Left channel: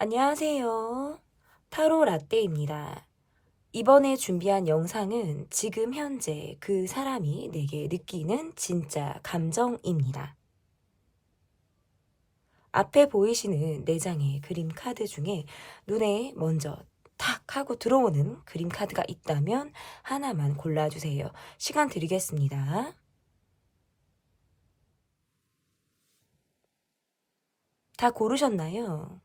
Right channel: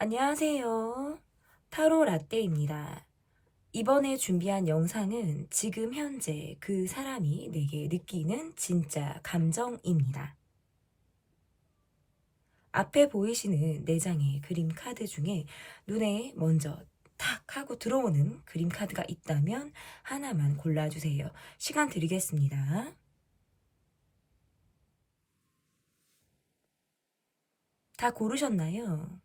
안녕하세요. 타로 라떼입니다. 이번에 준비한 영상은 지금 현재 그 사람이 내게 느끼는 진짜 감정입니다. 앞에 보이시는 4장의 그림 카드 중에 눈에 먼저 탁 하고 들어오는 그림 카드가 있다면 하나만 골라주세요. 시간 드리겠습니다. 다 고르셨나요?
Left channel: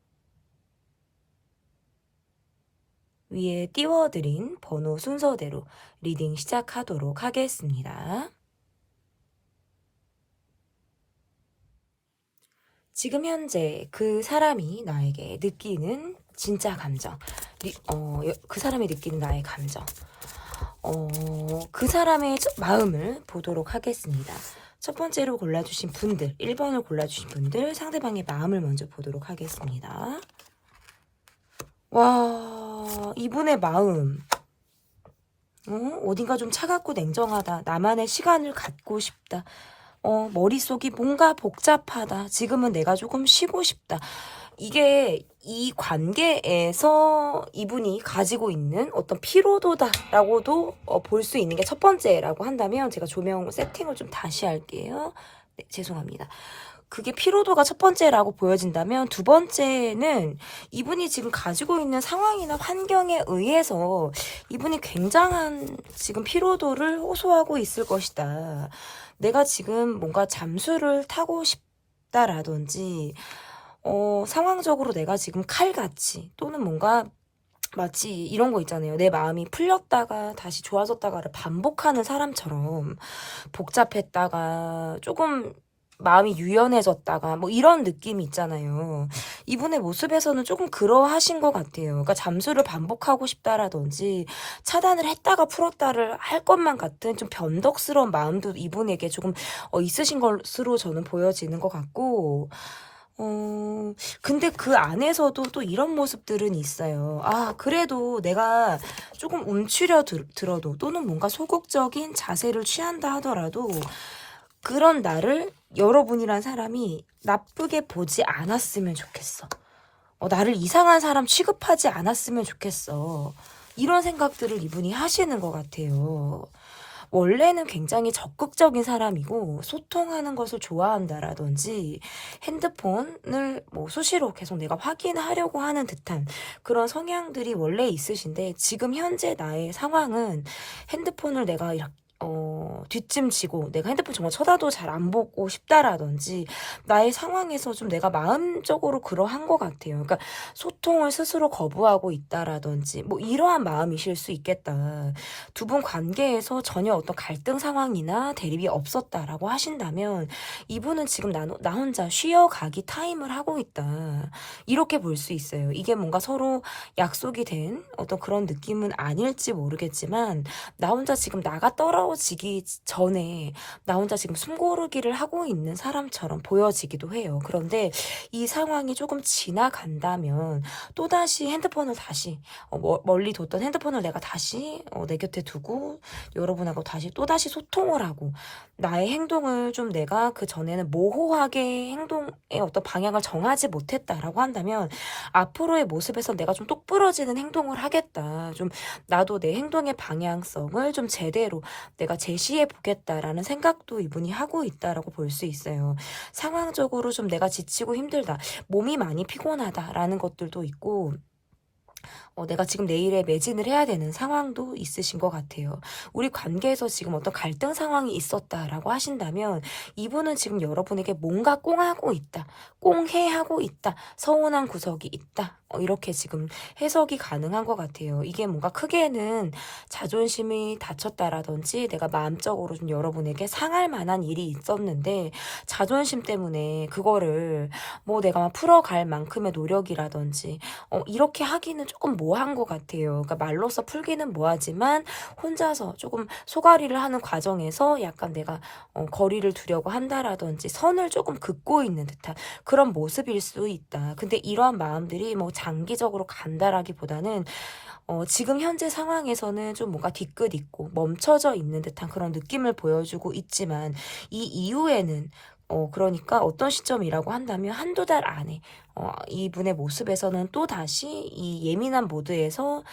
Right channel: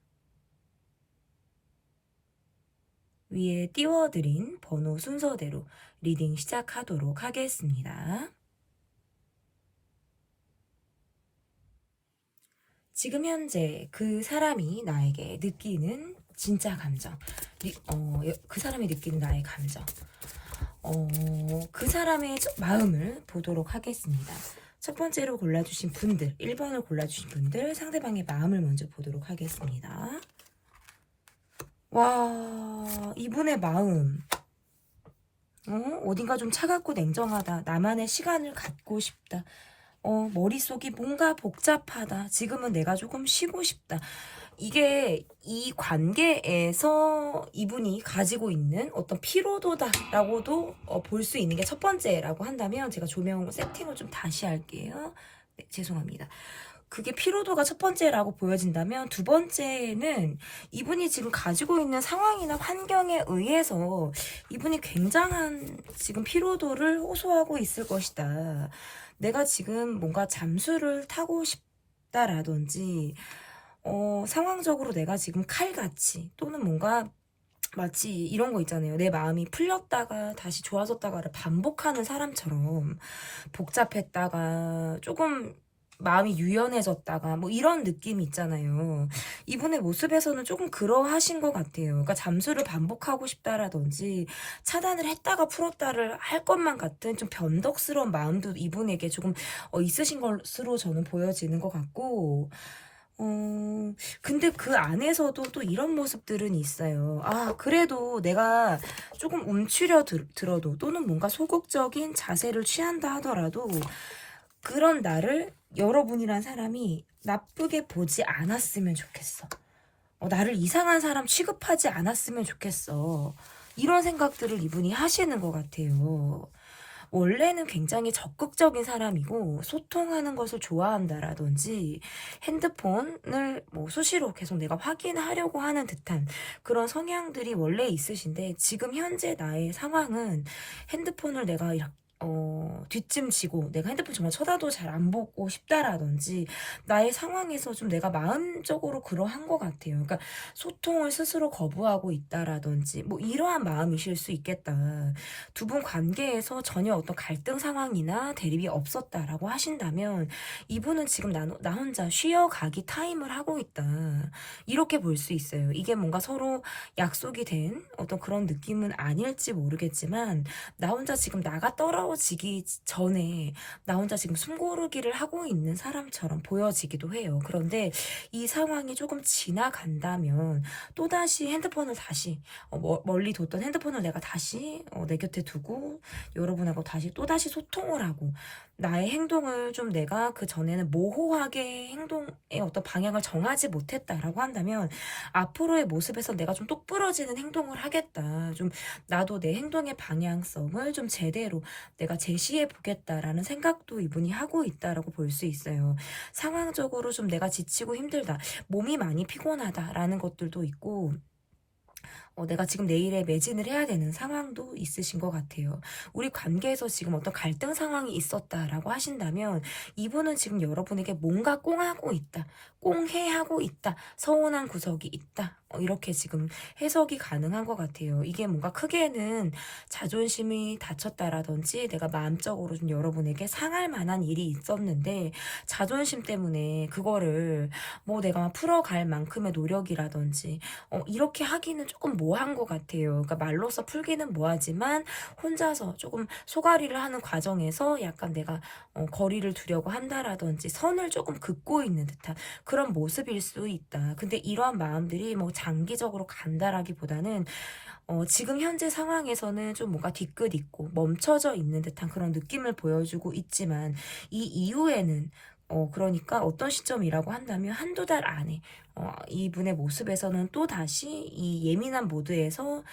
위에 띄워드린 번호 순서대로 리딩 시작하도록 하겠습니다. 지금 현재 그 사람이 나에게 느끼는 진짜 감정, 그 사람이 느끼는 나의 감정, 그 사람의 마음을 보도록 하겠습니다. 첫 번째로 골라주신 분들, 1번을 골라주신 분들, 상대방의 마음을 먼저 보도록 하겠습니다. 와, 이분의 마음. 어딘가 좀 차갑고 냉정하다. 나만의 시간을 갖고 싶다. 머릿속이 뭔가 복잡하다. 지금은 내가 조금 쉬고 싶다. 이게 이 관계에서 이분이 가지고 있는 어떤 피로도다라고도 볼 수 있는 게 첫 번째라고 한다면, 제가 조명 세팅을 좀 다시 할게요. 네, 죄송합니다. 그게 피로도가 첫 번째라고 보여진다면, 두 번째는 이분이 지금 가지고 있는 상황이나 환경에 의해서 이분이 굉장한 지금 피로도를 호소하고 있을 것이다. 내가 지금 뭔가 잠수를 타고 싶다라든지, 상황적으로 내가 지금 칼같이, 또는 뭔가 마치 이런 거 있잖아요. 내 마음이 풀렸다가 다시 좋아졌다가를 반복하는 사람처럼, 복잡했다가 조금 마음이 유연해졌다가 뭐 이런 느낌이 있잖아요. 이분의 모습에서는 조금 그러하신 것 같아요. 그러니까 잠수를 반복하고 싶다라든지, 차단을 했다가 풀었다를 할 것만 같은 좀 변덕스러운 마음도 이분에게 조금 있으신 것으로 저는 보여지는 것 같고, 근데 그 안에서도 또 이런 모습들은 있어요. 아, 그래도 내가 조금 들어도, 또는 뭔가 소극적인 자세를 취한다 하더라도, 그런 나를 여러분이란 사람이 나쁘게 보지 않았으면 좋겠어. 나를 이상한 사람 취급하지 않았으면 좋겠어. 이런 생각들을 이분이 하시는 것 같아요. 원래는 굉장히 적극적인 사람이고, 소통하는 것을 좋아한다라든지, 핸드폰을 뭐 수시로 계속 내가 확인하려고 하는 듯한 그런 성향들이 원래 있으신데, 지금 현재 나의 상황은 핸드폰을 내가 이렇게 뒷짐지고 내가 핸드폰 정말 쳐다도 잘 안 보고 싶다라든지, 나의 상황에서 좀 내가 마음적으로 그러한 것 같아요. 그러니까 소통을 스스로 거부하고 있다라든지, 뭐 이러한 마음이실 수 있겠다. 두 분 관계에서 전혀 어떤 갈등 상황이나 대립이 없었다라고 하신다면, 이분은 지금 나 혼자 쉬어가기 타임을 하고 있다. 이렇게 볼 수 있어요. 이게 뭔가 서로 약속이 된 어떤 그런 느낌은 아닐지 모르겠지만, 나 혼자 지금 나가 떨어지기 전에 나 혼자 지금 숨고르기를 하고 있는 사람처럼 보여지기도 해요. 그런데 이 상황이 조금 지나간다면, 또다시 핸드폰을 다시 멀리 뒀던 핸드폰을 내가 다시 내 곁에 두고, 여러분하고 또다시 소통을 하고, 나의 행동을 좀 내가 그 전에는 모호하게 행동의 어떤 방향을 정하지 못했다라고 한다면, 앞으로의 모습에서 내가 좀 똑부러지는 행동을 하겠다. 좀 나도 내 행동의 방향성을 좀 제대로 내가 제시해 보겠다라는 생각도 이분이 하고 있다라고 볼 수 있어요. 상황적으로 좀 내가 지치고 힘들다, 몸이 많이 피곤하다라는 것들도 있고, 내가 지금 내일에 매진을 해야 되는 상황도 있으신 것 같아요. 우리 관계에서 지금 어떤 갈등 상황이 있었다라고 하신다면, 이분은 지금 여러분에게 뭔가 꽁하고 있다, 꽁해하고 있다, 서운한 구석이 있다, 이렇게 지금 해석이 가능한 것 같아요. 이게 뭔가 크게는 자존심이 다쳤다라든지, 내가 마음적으로 좀 여러분에게 상할 만한 일이 있었는데, 자존심 때문에 그거를 뭐 내가 막 풀어갈 만큼의 노력이라든지, 이렇게 하기는 조금 모호한 것 같아요. 그러니까 말로써 풀기는 뭐하지만, 혼자서 조금 소가리를 하는 과정에서 약간 내가 거리를 두려고 한다라든지, 선을 조금 긋고 있는 듯한 그런 모습일 수 있다. 근데 이러한 마음들이 뭐 장기적으로 간다라기보다는, 지금 현재 상황에서는 좀 뭔가 뒤끝 있고 멈춰져 있는 듯한 그런 느낌을 보여주고 있지만, 이 이후에는 그러니까 어떤 시점이라고 한다면 한두 달 안에 이분의 모습에서는 또다시 이 예민한 모드에서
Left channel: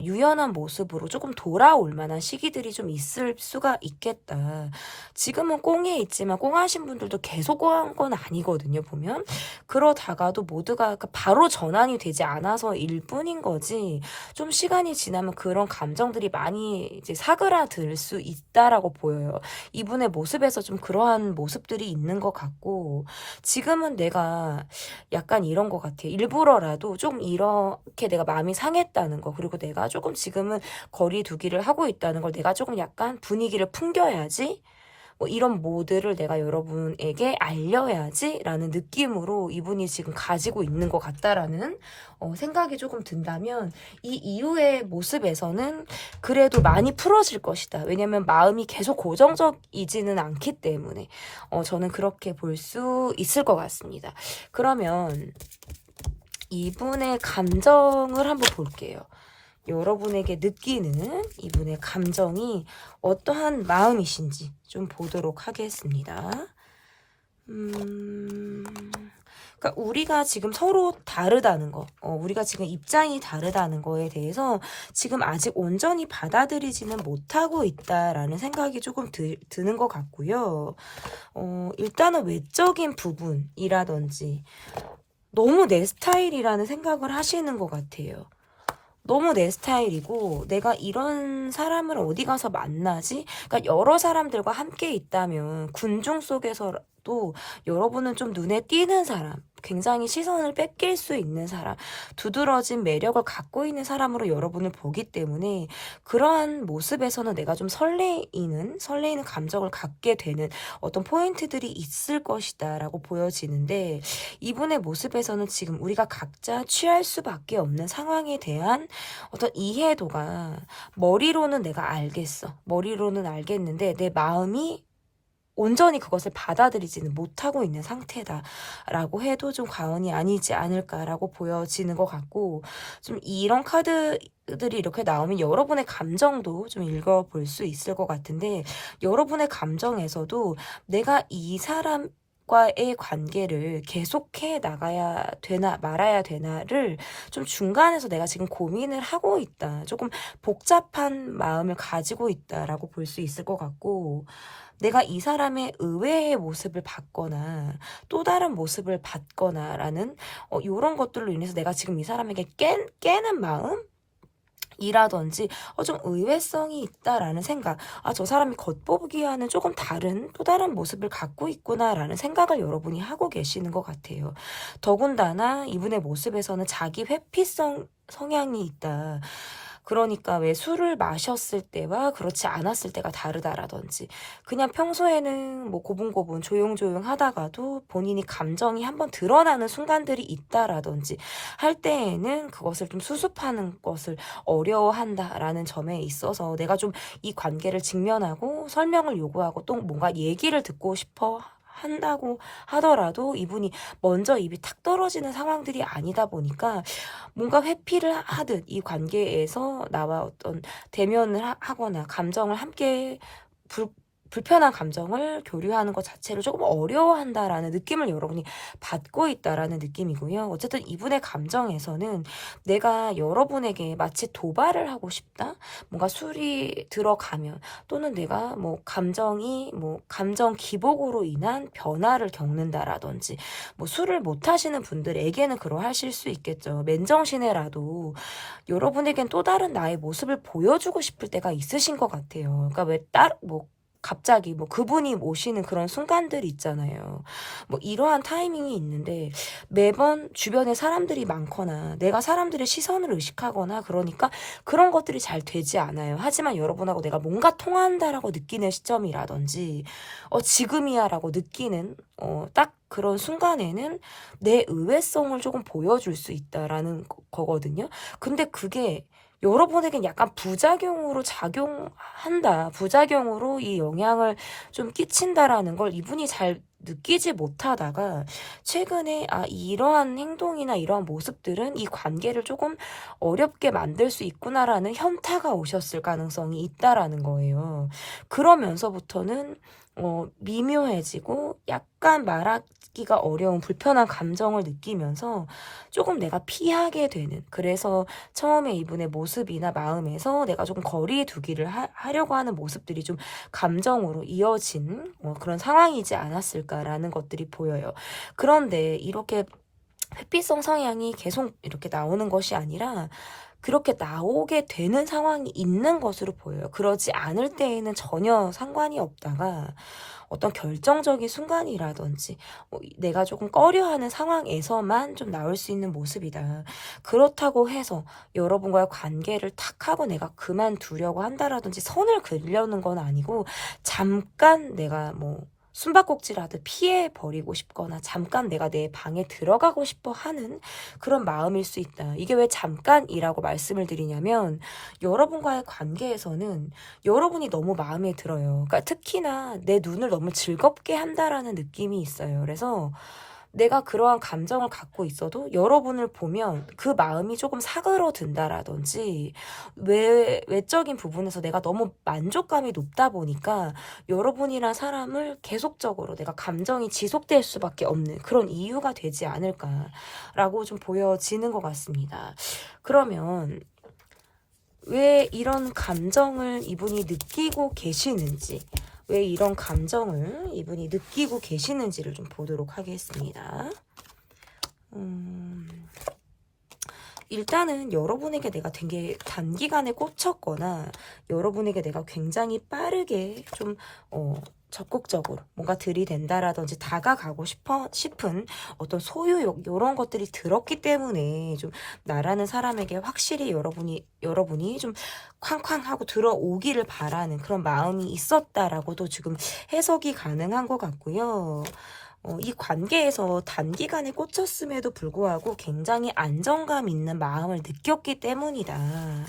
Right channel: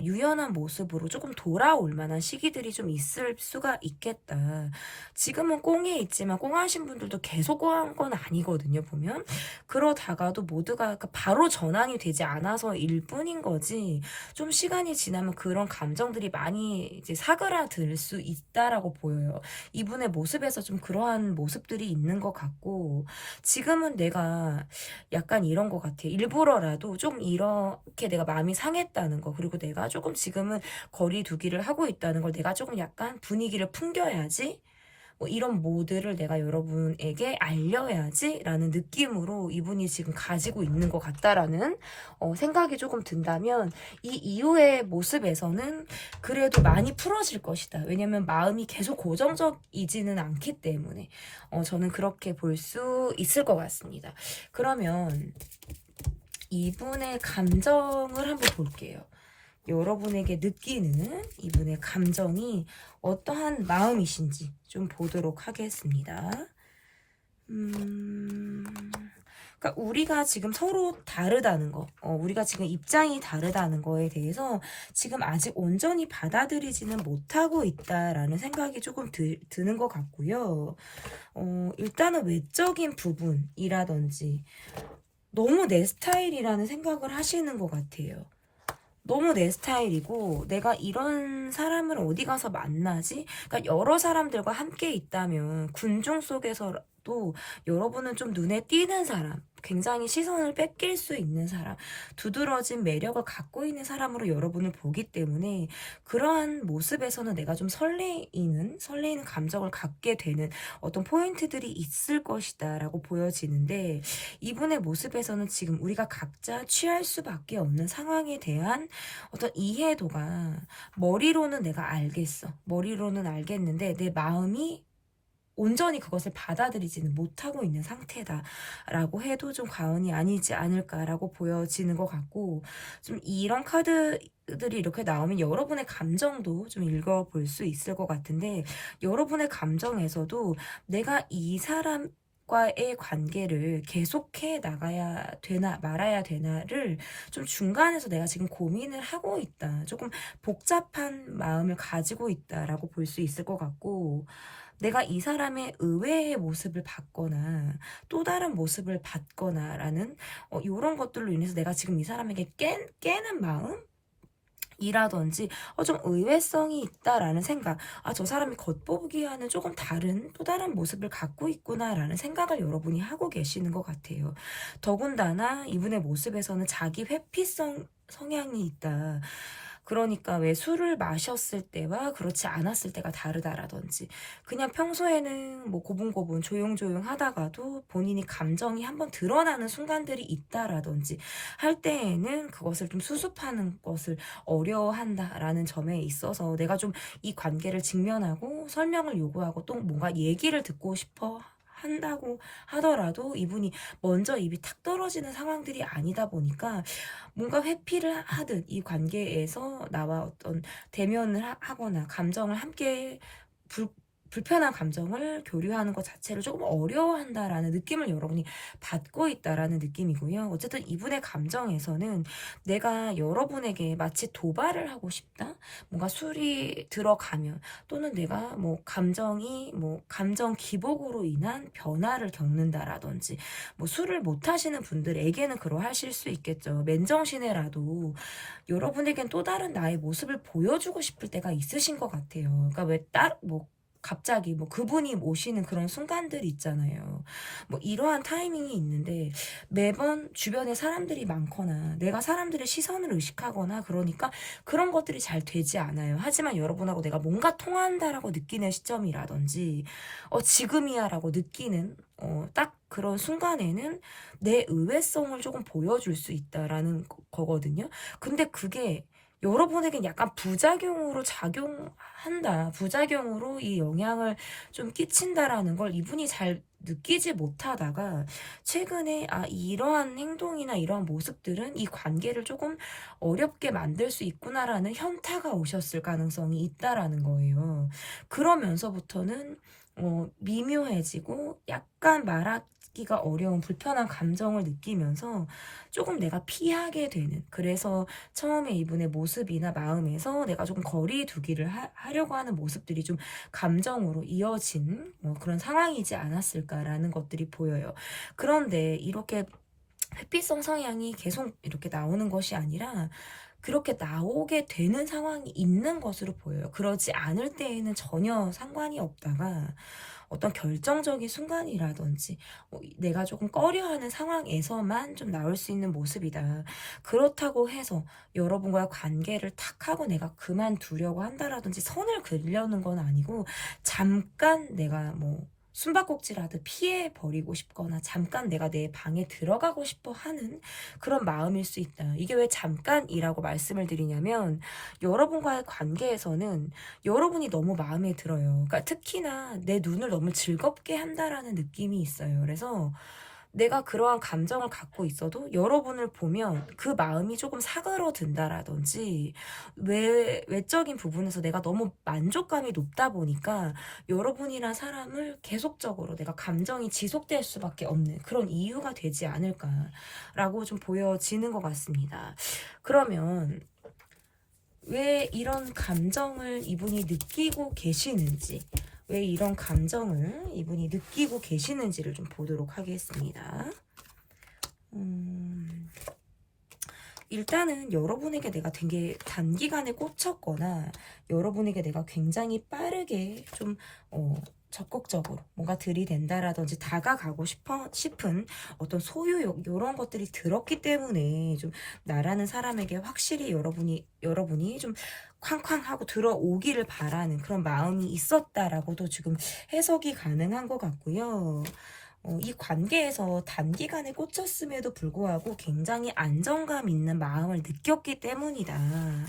유연한 모습으로 조금 돌아올 만한 시기들이 좀 있을 수가 있겠다. 지금은 꽁에 있지만 꽁하신 분들도 계속 꽁한 건 아니거든요, 보면. 그러다가도 모두가 바로 전환이 되지 않아서일 뿐인 거지, 좀 시간이 지나면 그런 감정들이 많이 이제 사그라들 수 있다라고 보여요. 이분의 모습에서 좀 그러한 모습들이 있는 것 같고, 지금은 내가 약간 이런 것 같아요. 일부러라도 좀 이렇게 내가 마음이 상했다는 거, 그리고 내가 조금 지금은 거리 두기를 하고 있다는 걸 내가 조금 약간 분위기를 풍겨야지, 뭐 이런 모드를 내가 여러분에게 알려야지 라는 느낌으로 이분이 지금 가지고 있는 것 같다라는 생각이 조금 든다면, 이 이후의 모습에서는 그래도 많이 풀어질 것이다. 왜냐면 마음이 계속 고정적이지는 않기 때문에 저는 그렇게 볼 수 있을 것 같습니다. 그러면 이분의 감정을 한번 볼게요. 여러분에게 느끼는 이분의 감정이 어떠한 마음이신지 좀 보도록 하겠습니다. 그러니까 우리가 지금 서로 다르다는 거, 우리가 지금 입장이 다르다는 거에 대해서 지금 아직 온전히 받아들이지는 못하고 있다라는 생각이 조금 드는 것 같고요. 일단은 외적인 부분이라든지 너무 내 스타일이라는 생각을 하시는 것 같아요. 너무 내 스타일이고 내가 이런 사람을 어디 가서 만나지? 그러니까 여러 사람들과 함께 있다면 군중 속에서도 여러분은 좀 눈에 띄는 사람, 굉장히 시선을 뺏길 수 있는 사람, 두드러진 매력을 갖고 있는 사람으로 여러분을 보기 때문에 그러한 모습에서는 내가 좀 설레이는 감정을 갖게 되는 어떤 포인트들이 있을 것이다 라고 보여지는데, 이분의 모습에서는 지금 우리가 각자 취할 수밖에 없는 상황에 대한 어떤 이해도가, 머리로는 내가 알겠어, 머리로는 알겠는데 내 마음이 온전히 그것을 받아들이지는 못하고 있는 상태다라고 해도 좀 과언이 아니지 않을까라고 보여지는 것 같고, 좀 이런 카드들이 이렇게 나오면 여러분의 감정도 좀 읽어볼 수 있을 것 같은데, 여러분의 감정에서도 내가 이 사람 과의 관계를 계속해 나가야 되나 말아야 되나를 좀 중간에서 내가 지금 고민을 하고 있다, 조금 복잡한 마음을 가지고 있다라고 볼 수 있을 것 같고, 내가 이 사람의 의외의 모습을 받거나 또 다른 모습을 받거나 라는 이런 것들로 인해서 내가 지금 이 사람에게 깨는 마음? 이라든지 좀 의외성이 있다라는 생각, 저 사람이 겉보기와는 조금 다른 또 다른 모습을 갖고 있구나라는 생각을 여러분이 하고 계시는 것 같아요. 더군다나 이분의 모습에서는 자기 회피성 성향이 있다. 그러니까 왜 술을 마셨을 때와 그렇지 않았을 때가 다르다라든지, 그냥 평소에는 뭐 고분고분 조용조용 하다가도 본인이 감정이 한번 드러나는 순간들이 있다라든지 할 때에는 그것을 좀 수습하는 것을 어려워한다라는 점에 있어서 내가 좀 이 관계를 직면하고 설명을 요구하고 또 뭔가 얘기를 듣고 싶어 한다고 하더라도 이분이 먼저 입이 탁 떨어지는 상황들이 아니다 보니까 뭔가 회피를 하듯 이 관계에서 나와 어떤 대면을 하거나 감정을 함께 불편한 감정을 교류하는 것 자체를 조금 어려워한다라는 느낌을 여러분이 받고 있다라는 느낌이고요. 어쨌든 이분의 감정에서는 내가 여러분에게 마치 도발을 하고 싶다, 뭔가 술이 들어가면, 또는 내가 뭐 감정 기복으로 인한 변화를 겪는다라든지, 뭐 술을 못 하시는 분들에게는 그러하실 수 있겠죠. 맨정신에라도 여러분에겐 또 다른 나의 모습을 보여주고 싶을 때가 있으신 것 같아요. 그러니까 갑자기 뭐 그분이 오시는 그런 순간들이 있잖아요. 뭐 이러한 타이밍이 있는데 매번 주변에 사람들이 많거나 내가 사람들의 시선을 의식하거나 그러니까 그런 것들이 잘 되지 않아요. 하지만 여러분하고 내가 뭔가 통한다라고 느끼는 시점이라든지 지금이야라고 느끼는 딱 그런 순간에는 내 의외성을 조금 보여줄 수 있다라는 거거든요. 근데 그게 여러분에겐 약간 부작용으로 작용한다, 부작용으로 이 영향을 좀 끼친다라는 걸 이분이 잘 느끼지 못하다가 최근에 이러한 행동이나 이러한 모습들은 이 관계를 조금 어렵게 만들 수 있구나라는 현타가 오셨을 가능성이 있다라는 거예요. 그러면서부터는 미묘해지고 약간 말하기가 어려운 불편한 감정을 느끼면서 조금 내가 피하게 되는, 그래서 처음에 이분의 모습이나 마음에서 내가 조금 거리에 두기를 하려고 하는 모습들이 좀 감정으로 이어진 그런 상황이지 않았을까라는 것들이 보여요. 그런데 이렇게 회피성 성향이 계속 이렇게 나오는 것이 아니라 그렇게 나오게 되는 상황이 있는 것으로 보여요. 그러지 않을 때에는 전혀 상관이 없다가 어떤 결정적인 순간이라든지 내가 조금 꺼려하는 상황에서만 좀 나올 수 있는 모습이다. 그렇다고 해서 여러분과의 관계를 탁 하고 내가 그만두려고 한다라든지 선을 그리려는 건 아니고, 잠깐 내가 숨바꼭질하듯 피해버리고 싶거나 잠깐 내가 내 방에 들어가고 싶어 하는 그런 마음일 수 있다. 이게 왜 잠깐이라고 말씀을 드리냐면, 여러분과의 관계에서는 여러분이 너무 마음에 들어요. 그러니까 특히나 내 눈을 너무 즐겁게 한다라는 느낌이 있어요. 그래서 내가 그러한 감정을 갖고 있어도 여러분을 보면 그 마음이 조금 사그러든다라든지 외적인 부분에서 내가 너무 만족감이 높다 보니까 여러분이란 사람을 계속적으로 내가 감정이 지속될 수밖에 없는 그런 이유가 되지 않을까라고 좀 보여지는 것 같습니다. 그러면 왜 이런 감정을 이분이 느끼고 계시는지, 왜 이런 감정을 이분이 느끼고 계시는지를 좀 보도록 하겠습니다. 일단은 여러분에게 내가 되게 단기간에 꽂혔거나 여러분에게 내가 굉장히 빠르게 좀 적극적으로 뭔가 들이댄다라든지 다가가고 싶은 어떤 소유욕, 이런 것들이 들었기 때문에 좀 나라는 사람에게 확실히 여러분이 좀 쾅쾅 하고 들어오기를 바라는 그런 마음이 있었다라고도 지금 해석이 가능한 것 같고요. 이 관계에서 단기간에 꽂혔음에도 불구하고 굉장히 안정감 있는 마음을 느꼈기 때문이다.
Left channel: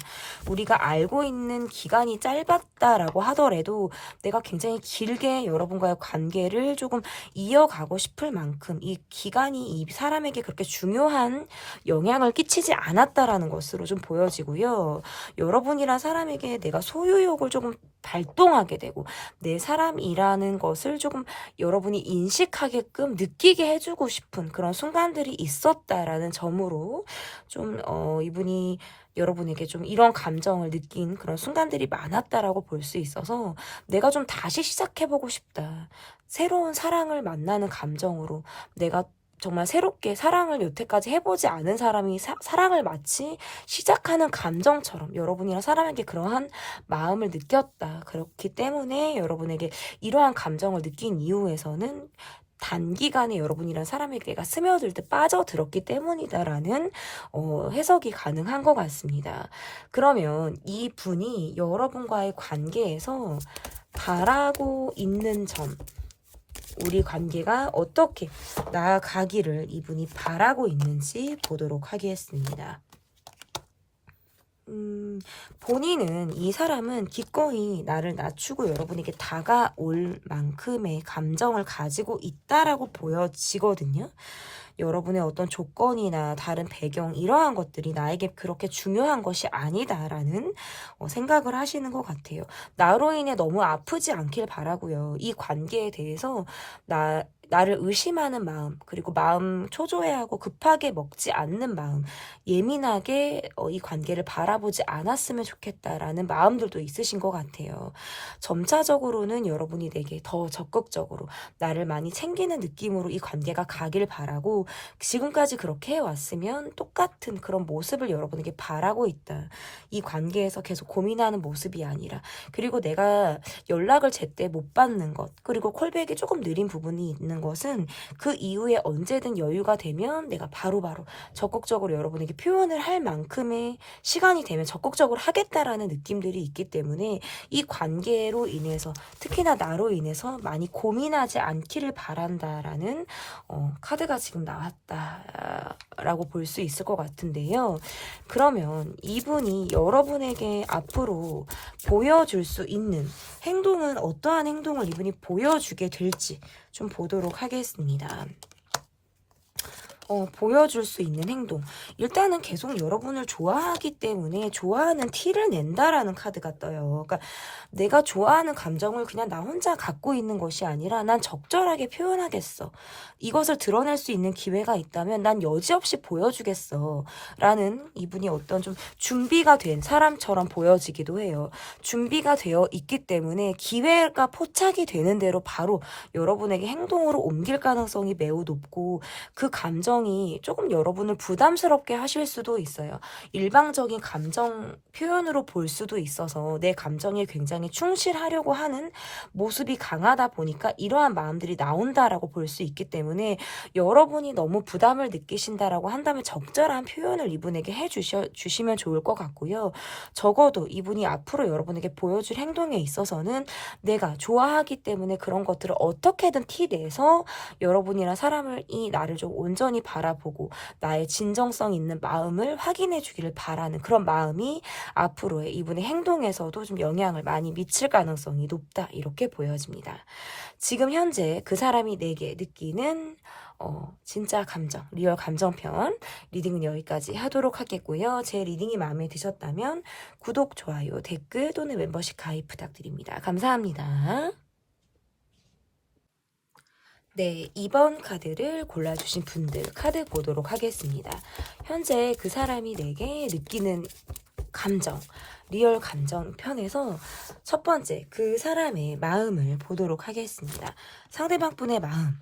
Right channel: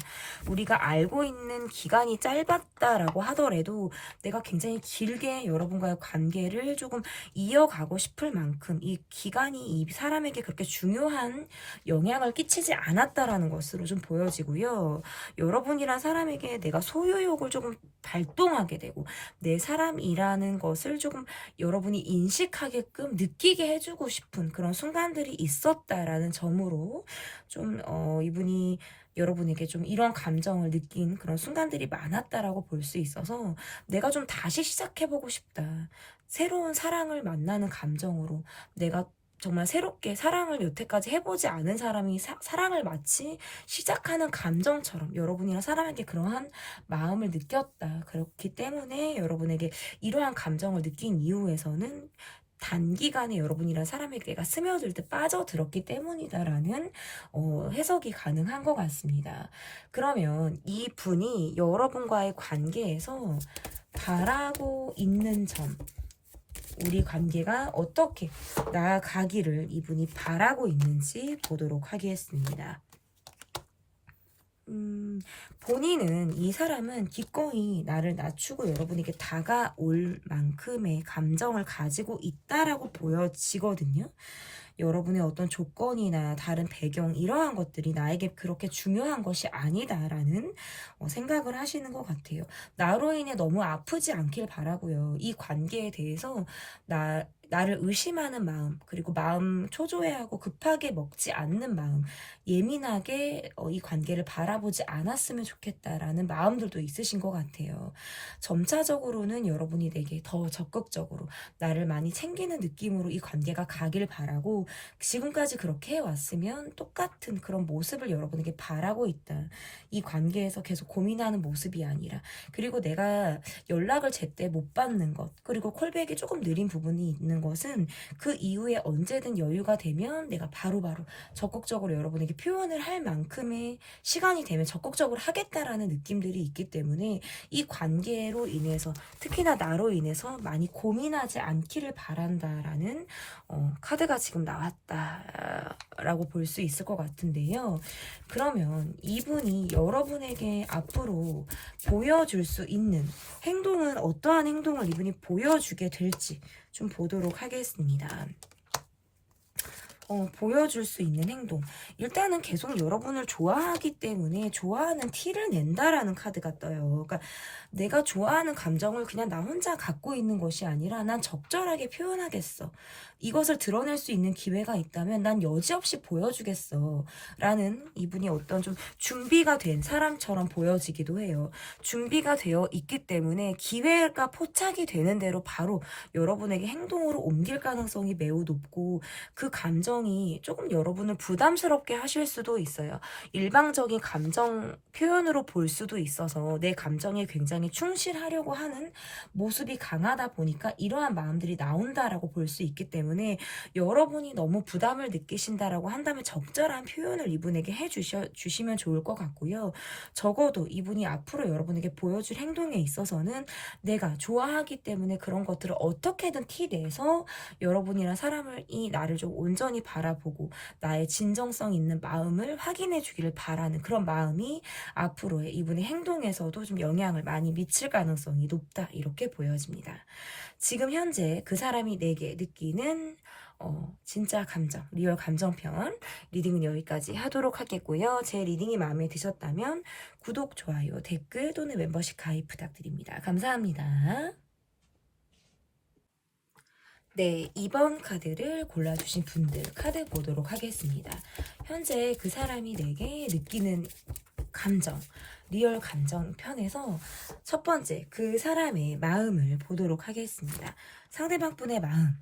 우리가 알고 있는 기간이 짧았다라고 하더라도 내가 굉장히 길게 여러분과의 관계를 조금 이어가고 싶을 만큼 이 기간이 이 사람에게 그렇게 중요한 영향을 끼치지 않았다라는 것으로 좀 보여지고요. 여러분이란 사람에게 내가 소유욕을 조금 발동하게 되고 내 사람이라는 것을 조금 여러분이 인식하게끔 느끼게 해주고 싶은 그런 순간들이 있었다라는 점으로 좀 이분이 여러분에게 좀 이런 감정을 느낀 그런 순간들이 많았다라고 볼 수 있어서 내가 좀 다시 시작해보고 싶다. 새로운 사랑을 만나는 감정으로 내가 정말 새롭게 사랑을 여태까지 해보지 않은 사람이 사랑을 마치 시작하는 감정처럼 여러분이랑 사람에게 그러한 마음을 느꼈다. 그렇기 때문에 여러분에게 이러한 감정을 느낀 이후에서는 단기간에 여러분이란 사람에게가 스며들 때 빠져들었기 때문이다라는 해석이 가능한 것 같습니다. 그러면 이 분이 여러분과의 관계에서 바라고 있는 점, 우리 관계가 어떻게 나아가기를 이분이 바라고 있는지 보도록 하겠습니다. 본인은, 이 사람은 기꺼이 나를 낮추고 여러분에게 다가올 만큼의 감정을 가지고 있다라고 보여지거든요. 여러분의 어떤 조건이나 다른 배경, 이러한 것들이 나에게 그렇게 중요한 것이 아니다라는 생각을 하시는 것 같아요. 나로 인해 너무 아프지 않길 바라고요. 이 관계에 대해서 나를 의심하는 마음, 그리고 마음 초조해하고 급하게 먹지 않는 마음, 예민하게 이 관계를 바라보지 않았으면 좋겠다라는 마음들도 있으신 것 같아요. 점차적으로는 여러분이 내게 더 적극적으로 나를 많이 챙기는 느낌으로 이 관계가 가길 바라고, 지금까지 그렇게 해왔으면 똑같은 그런 모습을 여러분에게 바라고 있다. 이 관계에서 계속 고민하는 모습이 아니라, 그리고 내가 연락을 제때 못 받는 것, 그리고 콜백이 조금 느린 부분이 있는 것은 그 이후에 언제든 여유가 되면 내가 바로바로 적극적으로 여러분에게 표현을 할 만큼의 시간이 되면 적극적으로 하겠다라는 느낌들이 있기 때문에 이 관계로 인해서, 특히나 나로 인해서 많이 고민하지 않기를 바란다라는 카드가 지금 나왔다라고 볼 수 있을 것 같은데요. 그러면 이분이 여러분에게 앞으로 보여줄 수 있는 행동은 어떠한 행동을 이분이 보여주게 될지 좀 보도록 하겠습니다. 보여줄 수 있는 행동. 일단은 계속 여러분을 좋아하기 때문에 좋아하는 티를 낸다라는 카드가 떠요. 그러니까 내가 좋아하는 감정을 그냥 나 혼자 갖고 있는 것이 아니라 난 적절하게 표현하겠어. 이것을 드러낼 수 있는 기회가 있다면 난 여지없이 보여주겠어. 라는 이분이 어떤 좀 준비가 된 사람처럼 보여지기도 해요. 준비가 되어 있기 때문에 기회가 포착이 되는 대로 바로 여러분에게 행동으로 옮길 가능성이 매우 높고 그 감정이 조금 여러분을 부담스럽게 하실 수도 있어요. 일방적인 감정 표현으로 볼 수도 있어서 내 감정에 굉장히 충실하려고 하는 모습이 강하다 보니까 이러한 마음들이 나온다라고 볼 수 있기 때문에 여러분이 너무 부담을 느끼신다라고 한다면 적절한 표현을 이분에게 해주시면 좋을 것 같고요. 적어도 이분이 앞으로 여러분에게 보여줄 행동에 있어서는 내가 좋아하기 때문에 그런 것들을 어떻게든 티내서 여러분이랑 사람을 이 나를 좀 온전히 바라보고 나의 진정성 있는 마음을 확인해 주기를 바라는 그런 마음이 앞으로의 이분의 행동에서도 좀 영향을 많이 미칠 가능성이 높다 이렇게 보여집니다. 지금 현재 그 사람이 내게 느끼는 진짜 감정, 리얼 감정편 리딩은 여기까지 하도록 하겠고요. 제 리딩이 마음에 드셨다면 구독, 좋아요, 댓글 또는 멤버십 가입 부탁드립니다. 감사합니다. 네, 2번 카드를 골라주신 분들 카드 보도록 하겠습니다. 현재 그 사람이 내게 느끼는 감정, 리얼 감정 편에서 첫 번째 그 사람의 마음을 보도록 하겠습니다. 상대방 분의 마음.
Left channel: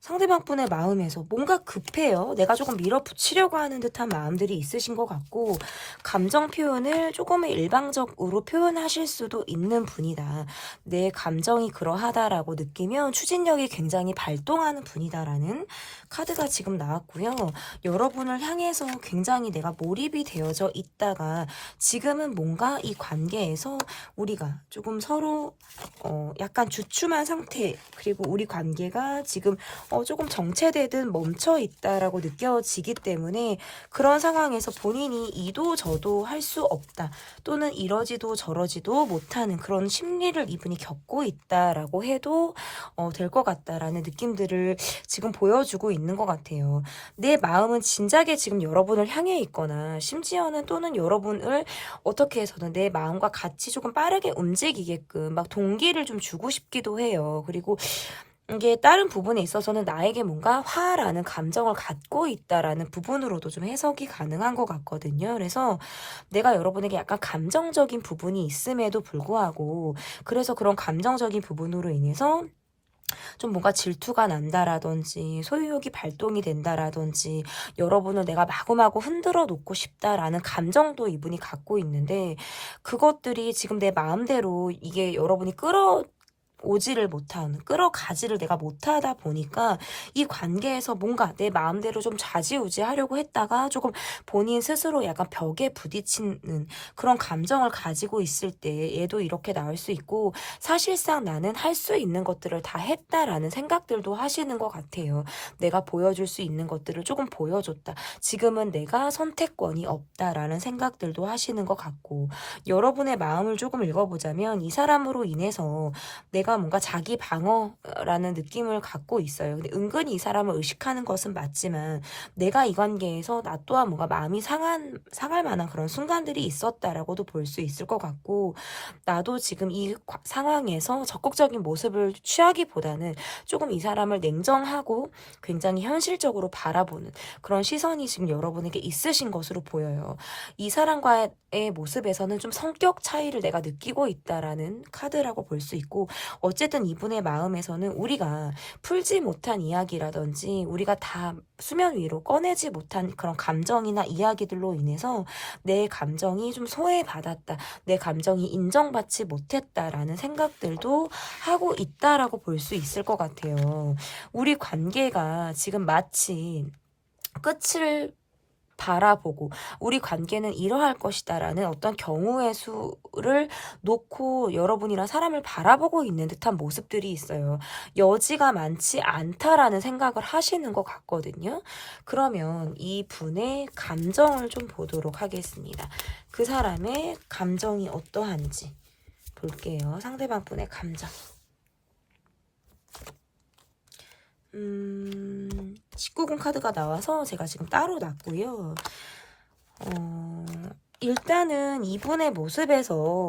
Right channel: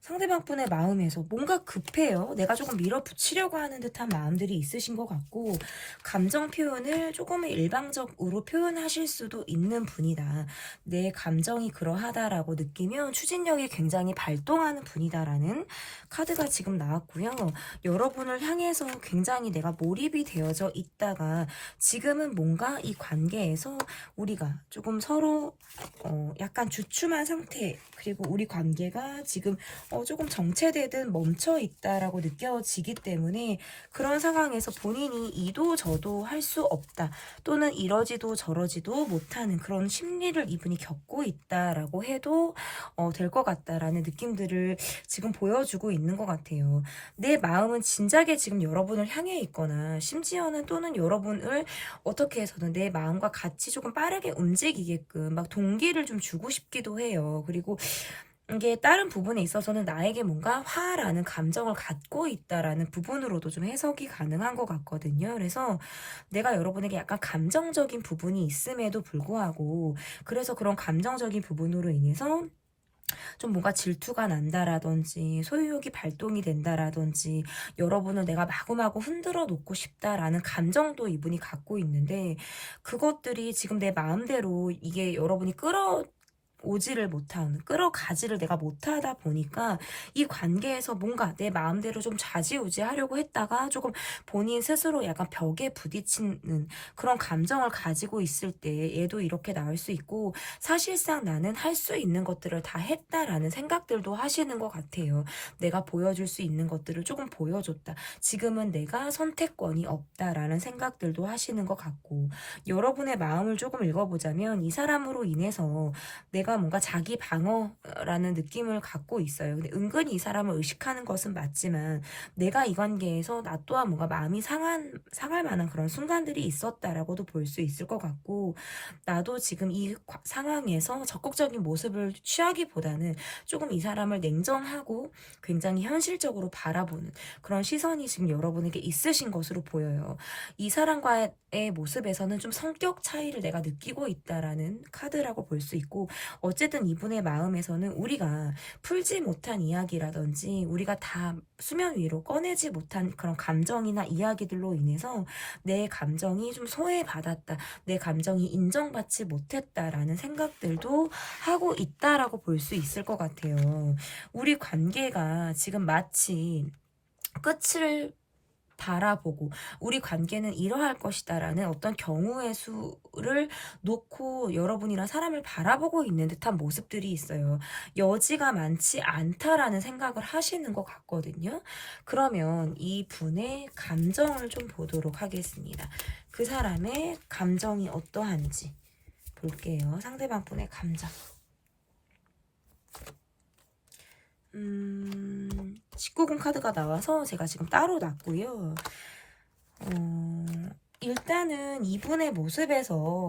상대방 분의 마음에서 뭔가 급해요. 내가 조금 밀어붙이려고 하는 듯한 마음들이 있으신 것 같고 감정 표현을 조금 일방적으로 표현하실 수도 있는 분이다. 내 감정이 그러하다라고 느끼면 추진력이 굉장히 발동하는 분이다라는 카드가 지금 나왔고요. 여러분을 향해서 굉장히 내가 몰입이 되어져 있다가 지금은 뭔가 이 관계에서 우리가 조금 서로 약간 주춤한 상태 그리고 우리 관계가 지금 조금 정체되든 멈춰 있다라고 느껴지기 때문에 그런 상황에서 본인이 이도 저도 할 수 없다 또는 이러지도 저러지도 못하는 그런 심리를 이분이 겪고 있다라고 해도 될 것 같다라는 느낌들을 지금 보여주고 있는 것 같아요. 내 마음은 진작에 지금 여러분을 향해 있거나 심지어는 또는 여러분을 어떻게 해서든 내 마음과 같이 조금 빠르게 움직이게끔 막 동기를 좀 주고 싶기도 해요. 그리고 이게 다른 부분에 있어서는 나에게 뭔가 화라는 감정을 갖고 있다라는 부분으로도 좀 해석이 가능한 것 같거든요. 그래서 내가 여러분에게 약간 감정적인 부분이 있음에도 불구하고 그래서 그런 감정적인 부분으로 인해서 좀 뭔가 질투가 난다라든지 소유욕이 발동이 된다라든지 여러분을 내가 마구마구 흔들어 놓고 싶다라는 감정도 이분이 갖고 있는데 그것들이 지금 내 마음대로 이게 여러분이 오지를 못하는 끌어가지를 내가 못하다 보니까 이 관계에서 뭔가 내 마음대로 좀 좌지우지 하려고 했다가 조금 본인 스스로 약간 벽에 부딪히는 그런 감정을 가지고 있을 때 얘도 이렇게 나올 수 있고 사실상 나는 할 수 있는 것들을 다 했다라는 생각들도 하시는 것 같아요. 내가 보여줄 수 있는 것들을 조금 보여줬다. 지금은 내가 선택권이 없다라는 생각들도 하시는 것 같고 여러분의 마음을 조금 읽어보자면 이 사람으로 인해서 내가 뭔가 자기 방어라는 느낌을 갖고 있어요. 근데 은근히 이 사람을 의식하는 것은 맞지만 내가 이 관계에서 나 또한 뭔가 마음이 상할 만한 그런 순간들이 있었다라고도 볼 수 있을 것 같고 나도 지금 이 상황에서 적극적인 모습을 취하기보다는 조금 이 사람을 냉정하고 굉장히 현실적으로 바라보는 그런 시선이 지금 여러분에게 있으신 것으로 보여요. 이 사람과의 모습에서는 좀 성격 차이를 내가 느끼고 있다라는 카드라고 볼 수 있고 어쨌든 이분의 마음에서는 우리가 풀지 못한 이야기라든지 우리가 다 수면 위로 꺼내지 못한 그런 감정이나 이야기들로 인해서 내 감정이 좀 소외받았다. 내 감정이 인정받지 못했다라는 생각들도 하고 있다라고 볼 수 있을 것 같아요. 우리 관계가 지금 마치 끝을 바라보고 우리 관계는 이러할 것이다라는 어떤 경우의 수를 놓고 여러분이랑 사람을 바라보고 있는 듯한 모습들이 있어요. 여지가 많지 않다라는 생각을 하시는 것 같거든요. 그러면 이 분의 감정을 좀 보도록 하겠습니다. 그 사람의 감정이 어떠한지 볼게요. 상대방 분의 감정. 19금 카드가 나와서 제가 지금 따로 놨고요. 일단은 이분의 모습에서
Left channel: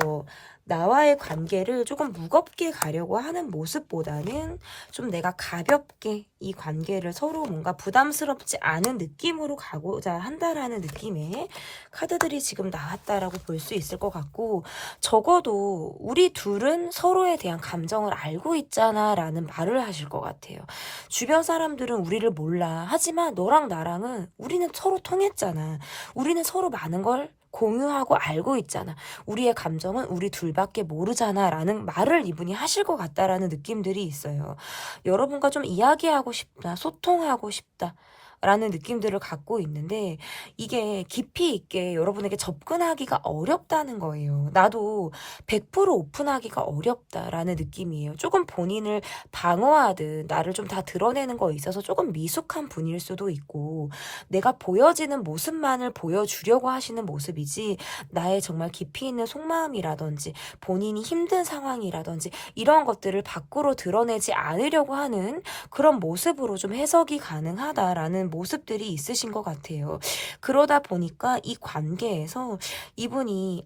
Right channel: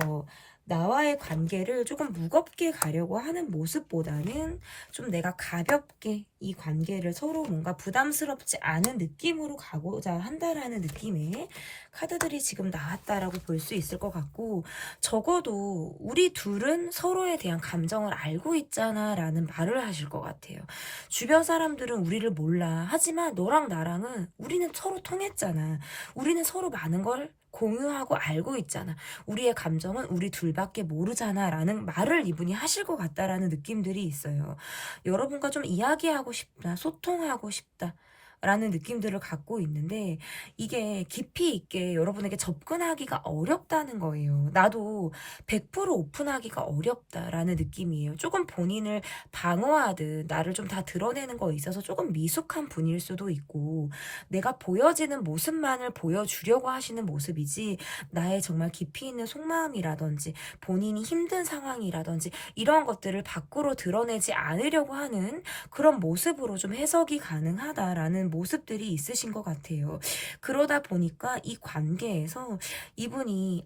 나와의 관계를 조금 무겁게 가려고 하는 모습보다는 좀 내가 가볍게 이 관계를 서로 뭔가 부담스럽지 않은 느낌으로 가고자 한다라는 느낌의 카드들이 지금 나왔다라고 볼 수 있을 것 같고, 적어도 우리 둘은 서로에 대한 감정을 알고 있잖아 라는 말을 하실 것 같아요. 주변 사람들은 우리를 몰라. 하지만 너랑 나랑은 우리는 서로 통했잖아. 우리는 서로 많은 걸 공유하고 알고 있잖아. 우리의 감정은 우리 둘밖에 모르잖아 라는 말을 이분이 하실 것 같다라는 느낌들이 있어요. 여러분과 좀 이야기하고 싶다, 소통하고 싶다 라는 느낌들을 갖고 있는데, 이게 깊이 있게 여러분에게 접근하기가 어렵다는 거예요. 나도 100% 오픈하기가 어렵다라는 느낌이에요. 조금 본인을 방어하듯 나를 좀 다 드러내는 거에 있어서 조금 미숙한 분일 수도 있고, 내가 보여지는 모습만을 보여주려고 하시는 모습이지, 나의 정말 깊이 있는 속마음이라든지 본인이 힘든 상황이라든지 이런 것들을 밖으로 드러내지 않으려고 하는 그런 모습으로 좀 해석이 가능하다라는 모습들이 있으신 것 같아요. 그러다 보니까 이 관계에서 이분이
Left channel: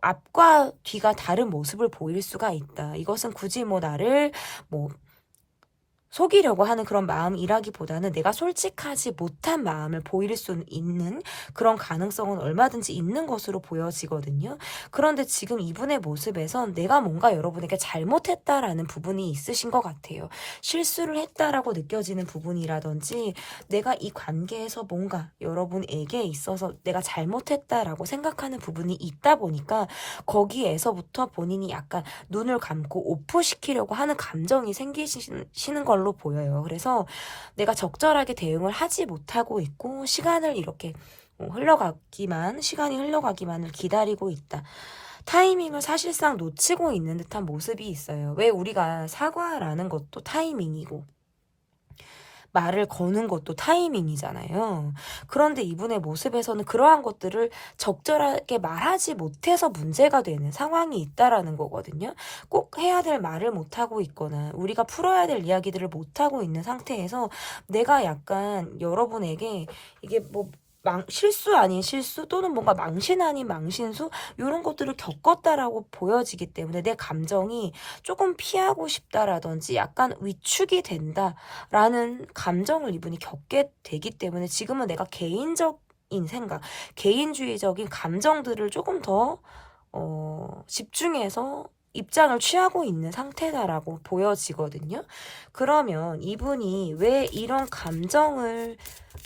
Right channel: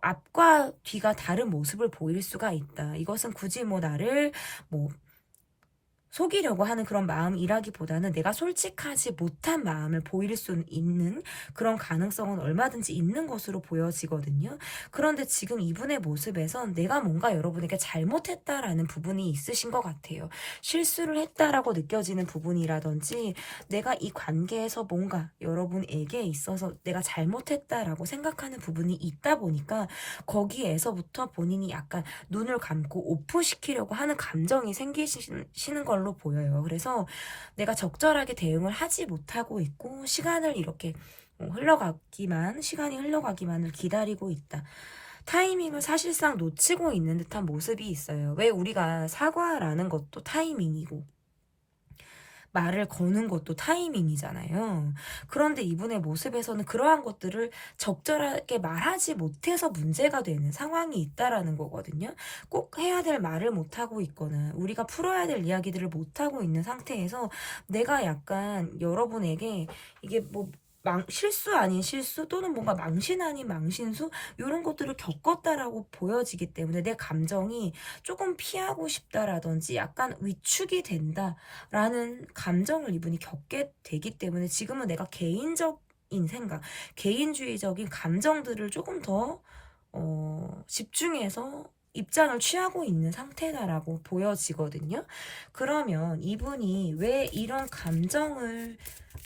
앞과 뒤가 다른 모습을 보일 수가 있다. 이것은 굳이 뭐 나를 뭐 속이려고 하는 그런 마음이라기보다는 내가 솔직하지 못한 마음을 보일 수 있는 그런 가능성은 얼마든지 있는 것으로 보여지거든요. 그런데 지금 이분의 모습에선 내가 뭔가 여러분에게 잘못했다라는 부분이 있으신 것 같아요. 실수를 했다라고 느껴지는 부분이라든지, 내가 이 관계에서 뭔가 여러분에게 있어서 내가 잘못했다라고 생각하는 부분이 있다 보니까 거기에서부터 본인이 약간 눈을 감고 오프시키려고 하는 감정이 생기시는 걸로 보여요. 그래서 내가 적절하게 대응을 하지 못하고 있고, 시간이 흘러가기만을 기다리고 있다. 타이밍을 사실상 놓치고 있는 듯한 모습이 있어요. 왜 우리가 사과라는 것도 타이밍이고 말을 거는 것도 타이밍이잖아요. 그런데 이분의 모습에서는 그러한 것들을 적절하게 말하지 못해서 문제가 되는 상황이 있다라는 거거든요. 꼭 해야 될 말을 못하고 있거나 우리가 풀어야 될 이야기들을 못하고 있는 상태에서 내가 약간 여러분에게 이게 뭐 실수 아닌 실수 또는 뭔가 망신 아닌 망신수 이런 것들을 겪었다라고 보여지기 때문에 내 감정이 조금 피하고 싶다라든지 약간 위축이 된다라는 감정을 이분이 겪게 되기 때문에 지금은 내가 개인적인 생각, 개인주의적인 감정들을 조금 더 집중해서 입장을 취하고 있는 상태다라고 보여지거든요. 그러면 이분이 왜 이런 감정을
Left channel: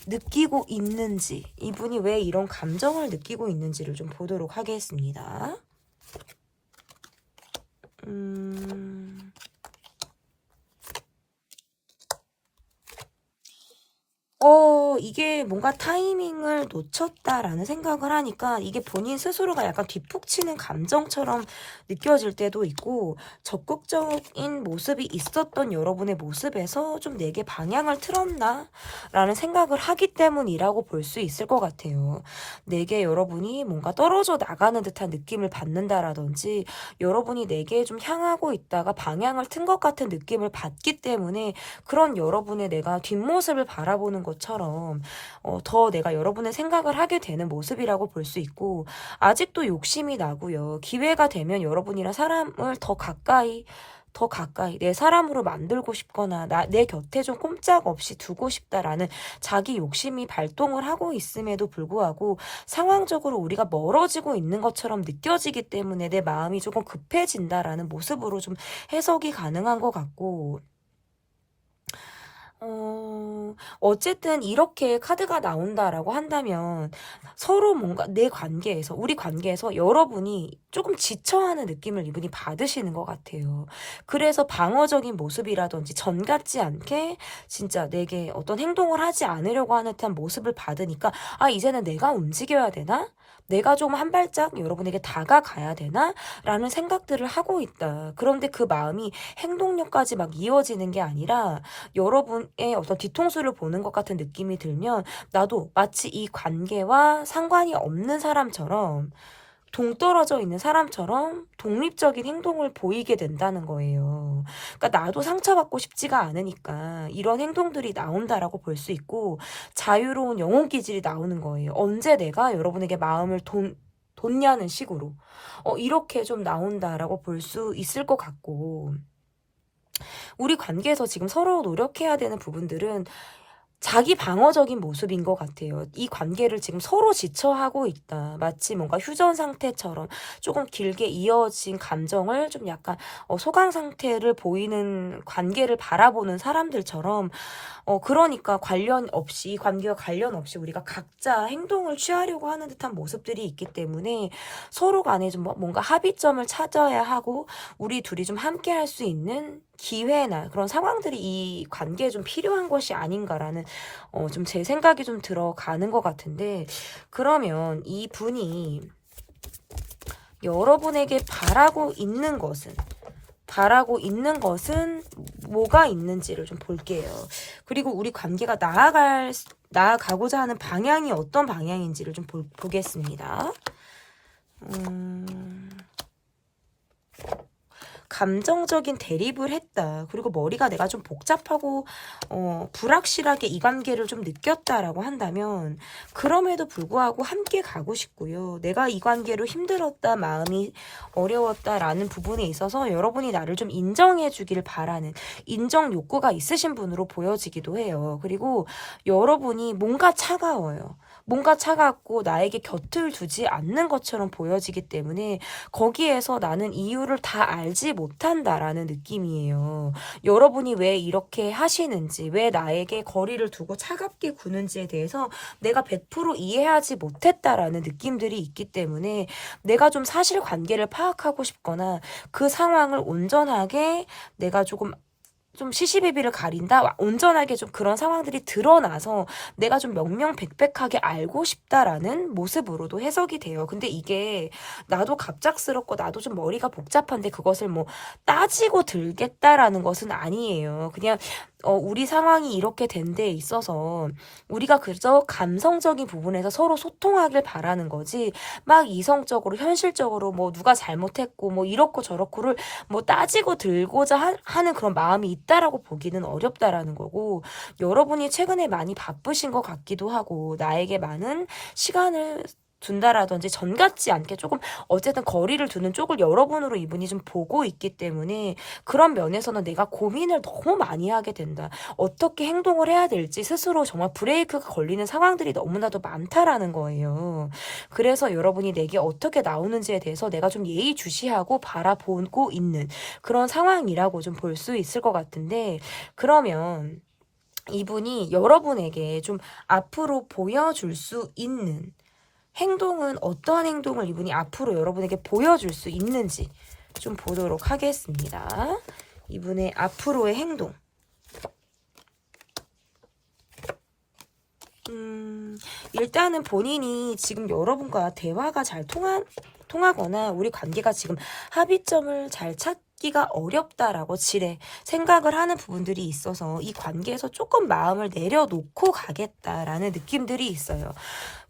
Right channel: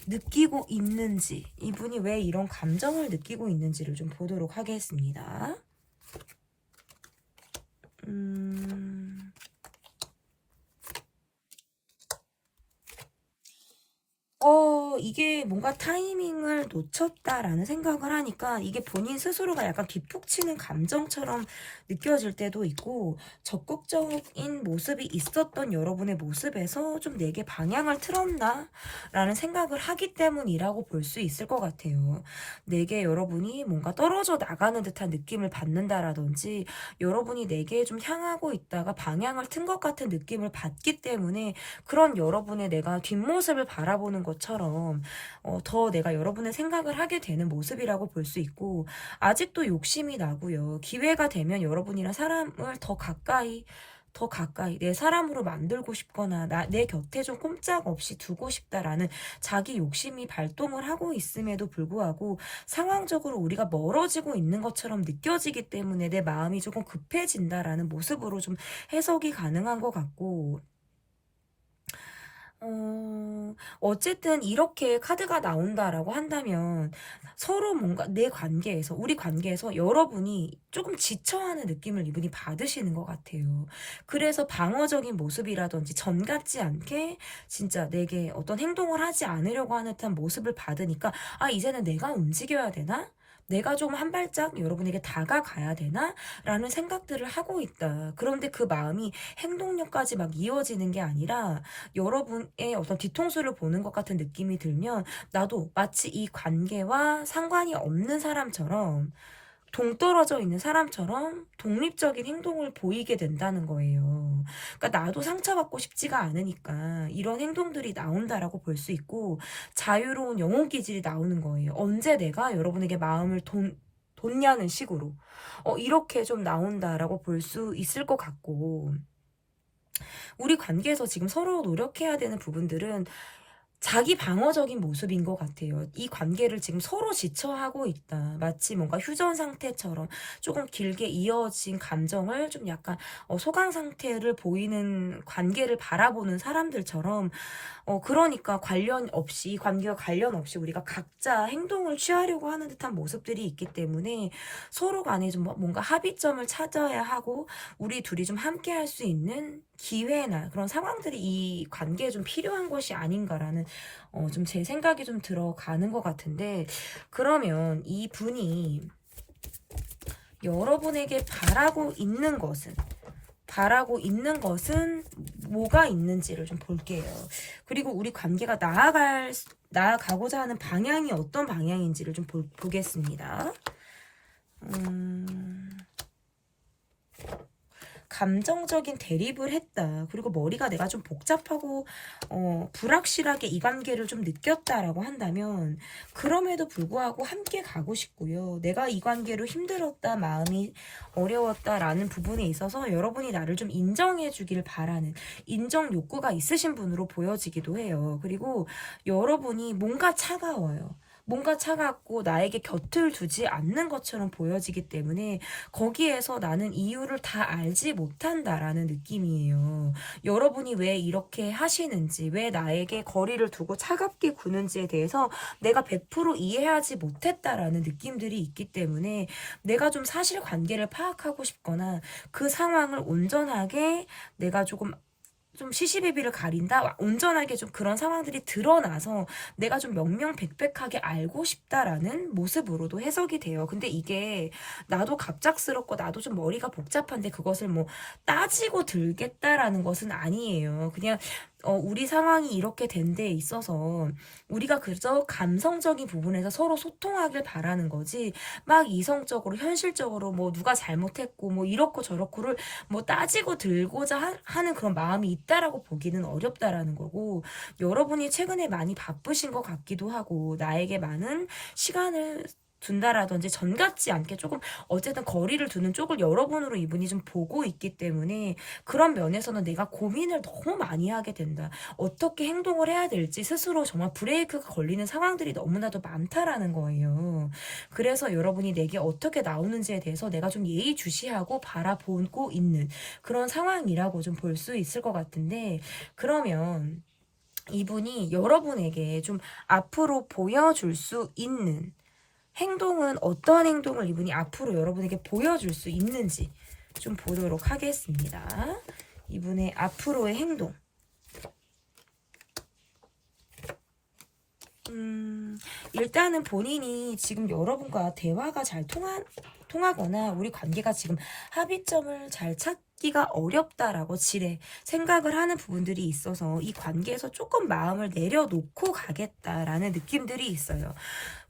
느끼고 있는지, 이분이 왜 이런 감정을 느끼고 있는지를 좀 보도록 하겠습니다. 이게 뭔가 타이밍을 놓쳤다라는 생각을 하니까 이게 본인 스스로가 약간 뒷북치는 감정처럼 느껴질 때도 있고, 적극적인 모습이 있었던 여러분의 모습에서 좀 내게 방향을 틀었나? 라는 생각을 하기 때문이라고 볼 수 있을 것 같아요. 내게 여러분이 뭔가 떨어져 나가는 듯한 느낌을 받는다라든지, 여러분이 내게 좀 향하고 있다가 방향을 튼 것 같은 느낌을 받기 때문에 그런 여러분의 내가 뒷모습을 바라보는 것처럼 더 내가 여러분의 생각을 하게 되는 모습이라고 볼 수 있고, 아직도 욕심이 나고요. 기회가 되면 여러분이랑 사람을 더 가까이 내 사람으로 만들고 싶거나 내 곁에 좀 꼼짝없이 두고 싶다라는 자기 욕심이 발동을 하고 있음에도 불구하고 상황적으로 우리가 멀어지고 있는 것처럼 느껴지기 때문에 내 마음이 조금 급해진다라는 모습으로 좀 해석이 가능한 것 같고, 어쨌든 이렇게 카드가 나온다라고 한다면 서로 뭔가 우리 관계에서 여러분이 조금 지쳐하는 느낌을 이분이 받으시는 것 같아요. 그래서 방어적인 모습이라든지 전 같지 않게 진짜 내게 어떤 행동을 하지 않으려고 하는 듯한 모습을 받으니까, 이제는 내가 움직여야 되나? 내가 좀 한 발짝 여러분에게 다가가야 되나? 라는 생각들을 하고 있다. 그런데 그 마음이 행동력까지 막 이어지는 게 아니라 여러분의 어떤 뒤통수를 보는 것 같은 느낌이 들면 나도 마치 이 관계와 상관이 없는 사람처럼 동떨어져 있는 사람처럼 독립적인 행동을 보이게 된다는 거예요. 그러니까 나도 상처받고 싶지가 않으니까 이런 행동들이 나온다라고 볼 수 있고 자유로운 영혼 기질이 나오는 거예요. 언제 내가 여러분에게 마음을 뒀냐는 식으로 이렇게 좀 나온다라고 볼 수 있을 것 같고 우리 관계에서 지금 서로 노력해야 되는 부분들은 자기 방어적인 모습인 것 같아요. 이 관계를 지금 서로 지쳐하고 있다. 마치 뭔가 휴전 상태처럼 조금 길게 이어진 감정을 좀 약간 소강 상태를 보이는 관계를 바라보는 사람들처럼 그러니까 관련 없이, 관계와 관련 없이 우리가 각자 행동을 취하려고 하는 듯한 모습들이 있기 때문에 서로 간에 좀 뭔가 합의점을 찾아야 하고 우리 둘이 좀 함께 할 수 있는 기회나 그런 상황들이 이 관계에 좀 필요한 것이 아닌가라는 좀 제 생각이 좀 들어가는 것 같은데 그러면 이 분이 여러분에게 바라고 있는 것은 뭐가 있는지를 좀 볼게요. 그리고 우리 관계가 나아가고자 하는 방향이 어떤 방향인지를 좀 보겠습니다. 감정적인 대립을 했다. 그리고 머리가 내가 좀 복잡하고 불확실하게 이 관계를 좀 느꼈다라고 한다면 그럼에도 불구하고 함께 가고 싶고요. 내가 이 관계로 힘들었다, 마음이 어려웠다라는 부분에 있어서 여러분이 나를 좀 인정해 주길 바라는 인정 욕구가 있으신 분으로 보여지기도 해요. 그리고 여러분이 뭔가 차가워요. 뭔가 차갑고 나에게 곁을 두지 않는 것처럼 보여지기 때문에 거기에서 나는 이유를 다 알지 못한다라는 느낌이에요. 여러분이 왜 이렇게 하시는지, 왜 나에게 거리를 두고 차갑게 구는지에 대해서 내가 100% 이해하지 못했다라는 느낌들이 있기 때문에 내가 좀 사실관계를 파악하고 싶거나 그 상황을 온전하게 내가 좀 시시비비를 가린다. 온전하게 좀 그런 상황들이 드러나서 내가 좀 명명백백하게 알고 싶다라는 모습으로도 해석이 돼요. 근데 이게 나도 갑작스럽고 나도 좀 머리가 복잡한데 그것을 뭐 따지고 들겠다라는 것은 아니에요. 그냥 우리 상황이 이렇게 된 데에 있어서 우리가 그저 감성적인 부분에서 서로 소통하길 바라는 거지 막 이성적으로 현실적으로 뭐 누가 잘못했고 뭐 이렇고 저렇고를 뭐 따지고 들고자 하는 그런 마음이 있다라고 보기는 어렵다라는 거고 여러분이 최근에 많이 바쁘신 것 같기도 하고 나에게 많은 시간을 둔다라든지 전 같지 않게 조금 어쨌든 거리를 두는 쪽을 여러분으로 이분이 좀 보고 있기 때문에 그런 면에서는 내가 고민을 너무 많이 하게 된다. 어떻게 행동을 해야 될지 스스로 정말 브레이크가 걸리는 상황들이 너무나도 많다라는 거예요. 그래서 여러분이 내게 어떻게 나오는지에 대해서 내가 좀 예의주시하고 바라보고 있는 그런 상황이라고 좀 볼 수 있을 것 같은데 그러면 이분이 여러분에게 좀 앞으로 보여줄 수 있는 행동은 어떠한 행동을 이분이 앞으로 여러분에게 보여줄 수 있는지 좀 보도록 하겠습니다. 이분의 앞으로의 행동. 일단은 본인이 지금 여러분과 대화가 잘 통하거나 우리 관계가 지금 합의점을 잘 찾기가 어렵다라고 생각을 하는 부분들이 있어서 이 관계에서 조금 마음을 내려놓고 가겠다라는 느낌들이 있어요.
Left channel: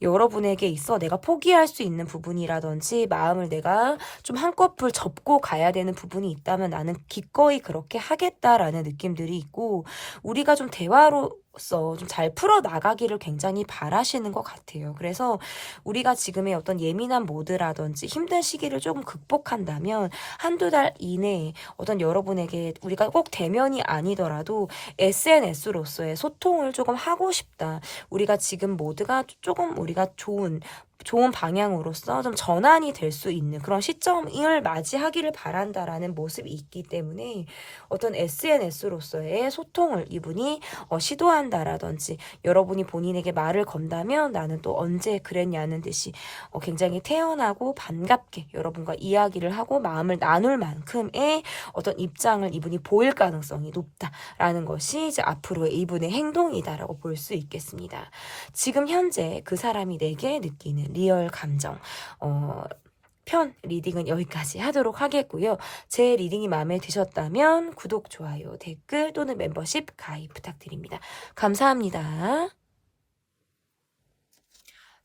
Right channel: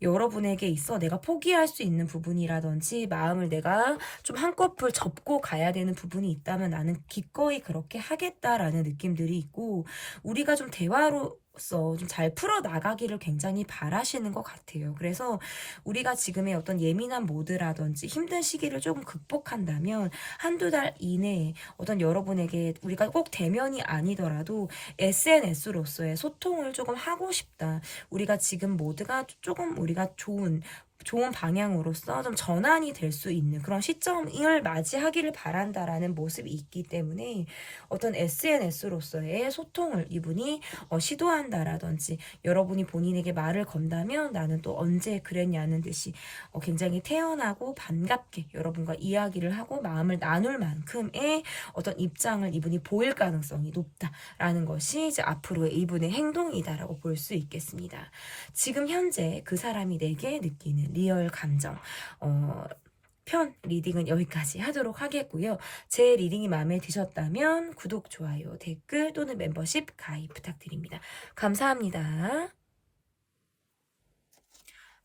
여러분에게 있어 내가 포기할 수 있는 부분이라든지 마음을 내가 좀 한꺼풀 접고 가야 되는 부분이 있다면 나는 기꺼이 그렇게 하겠다라는 느낌들이 있고 우리가 좀 대화로서 좀 잘 풀어나가기를 굉장히 바라시는 것 같아요. 그래서 우리가 지금의 어떤 예민한 모드라든지 힘든 시기를 조금 극복한다면 한두 달 이내에 어떤 여러분에게 우리가 꼭 대면이 아니더라도 SNS로서의 소통을 조금 하고 싶다. 우리가 지금 모두가 조금 우리가 좋은 방향으로서 좀 전환이 될 수 있는 그런 시점을 맞이하기를 바란다라는 모습이 있기 때문에 어떤 SNS로서의 소통을 이분이 시도한다라든지 여러분이 본인에게 말을 건다면 나는 또 언제 그랬냐는 듯이 굉장히 태연하고 반갑게 여러분과 이야기를 하고 마음을 나눌 만큼의 어떤 입장을 이분이 보일 가능성이 높다라는 것이 이제 앞으로의 이분의 행동이다라고 볼 수 있겠습니다. 지금 현재 그 사람이 내게 느끼는 리얼 감정 편 리딩은 여기까지 하도록 하겠고요. 제 리딩이 마음에 드셨다면 구독, 좋아요, 댓글 또는 멤버십 가입 부탁드립니다. 감사합니다.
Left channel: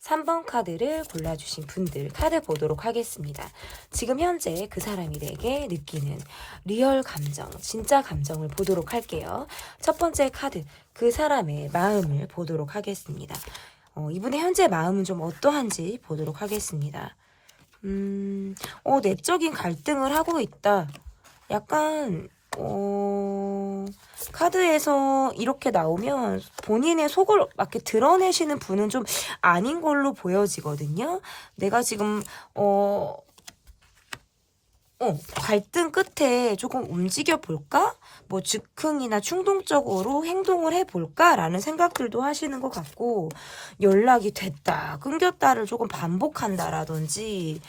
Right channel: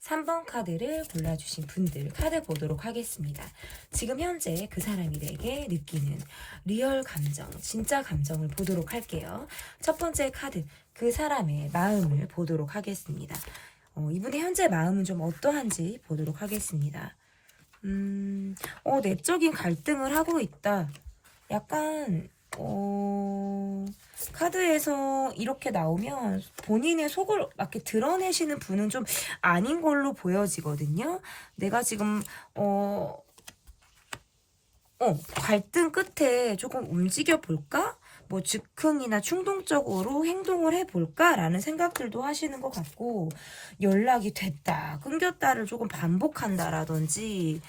3번 카드를 골라주신 분들 카드 보도록 하겠습니다. 지금 현재 그 사람이 내게 느끼는 리얼 감정, 진짜 감정을 보도록 할게요. 첫 번째 카드, 그 사람의 마음을 보도록 하겠습니다. 이분의 현재 마음은 좀 어떠한지 보도록 하겠습니다. 내적인 갈등을 하고 있다. 약간 카드에서 이렇게 나오면 본인의 속을 막 이렇게 드러내시는 분은 좀 아닌 걸로 보여지거든요. 내가 지금 갈등 끝에 조금 움직여 볼까? 뭐 즉흥이나 충동적으로 행동을 해볼까? 라는 생각들도 하시는 것 같고, 연락이 됐다, 끊겼다를 조금 반복한다라든지,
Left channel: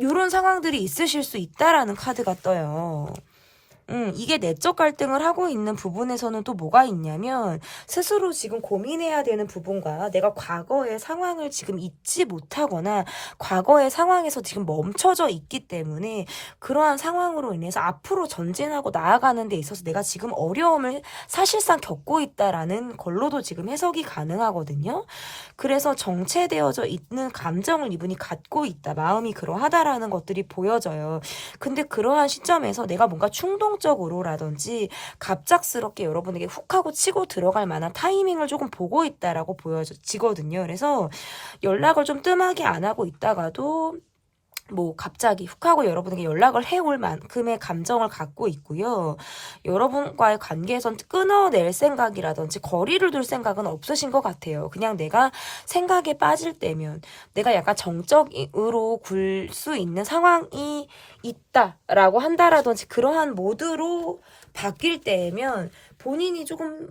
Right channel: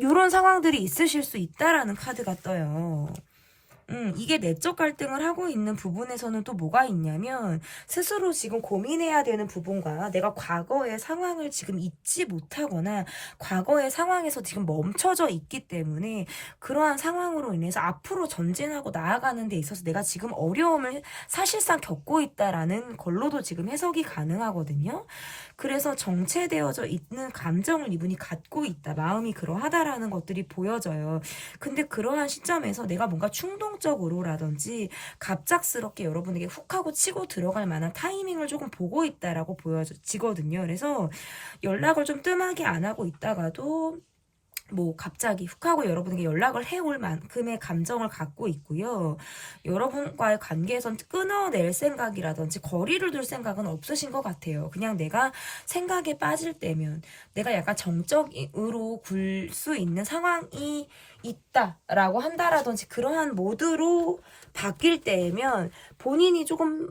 요런 상황들이 있으실 수 있다라는 카드가 떠요. 이게 내적 갈등을 하고 있는 부분에서는 또 뭐가 있냐면 스스로 지금 고민해야 되는 부분과 내가 과거의 상황을 지금 잊지 못하거나 과거의 상황에서 지금 멈춰져 있기 때문에 그러한 상황으로 인해서 앞으로 전진하고 나아가는 데 있어서 내가 지금 어려움을 사실상 겪고 있다라는 걸로도 지금 해석이 가능하거든요. 그래서 정체되어져 있는 감정을 이분이 갖고 있다. 마음이 그러하다라는 것들이 보여져요. 근데 그러한 시점에서 내가 뭔가 충동적으로라든지 갑작스럽게 여러분에게 훅 하고 치고 들어갈 만한 타이밍을 조금 보고 있다라고 보여지거든요. 그래서 연락을 좀 뜸하게 안 하고 있다가도 뭐 갑자기 훅 하고 여러분에게 연락을 해올 만큼의 감정을 갖고 있고요. 여러분과의 관계에선 끊어낼 생각이라든지 거리를 둘 생각은 없으신 것 같아요. 그냥 내가 생각에 빠질 때면 내가 약간 정적으로 굴 수 있는 상황이 있다라고 한다라든지 그러한 모드로 바뀔 때면 본인이 조금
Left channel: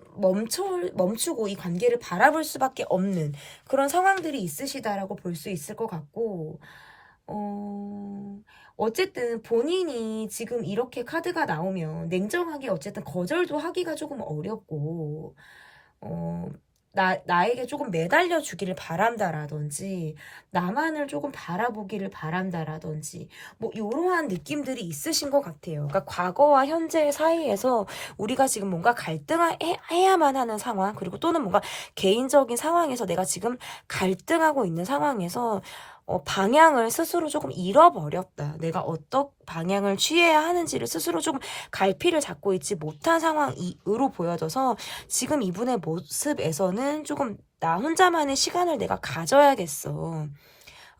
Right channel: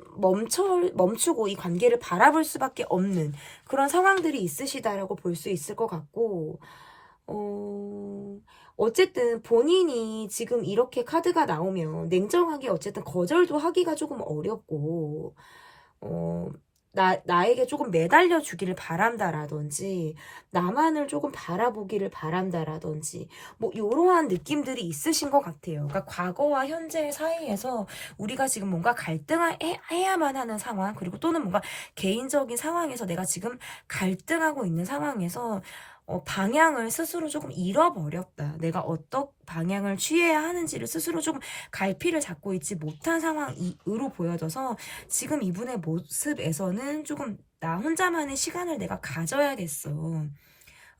멈추고 이 관계를 바라볼 수밖에 없는 그런 상황들이 있으시다라고 볼 수 있을 것 같고, 어쨌든 본인이 지금 이렇게 카드가 나오면 냉정하게 어쨌든 거절도 하기가 조금 어렵고, 나에게 조금 매달려 주기를 바란다라든지, 나만을 조금 바라보기를 바란다라든지, 뭐, 이러한 느낌들이 있으신 것 같아요. 그러니까 과거와 현재 사이에서 우리가 지금 뭔가 갈등해야만 하는 상황, 그리고 또는 뭔가 개인적인 상황에서 내가 지금 갈등하고 있는 상황에서 방향을 스스로 조금 잃어버렸다. 내가 어떤 방향을 취해야 하는지를 스스로 조금 갈피를 잡고 있지 못한 상황으로 보여져서 지금 이분의 모습에서는 조금 나 혼자만의 시간을 내가 가져야겠어.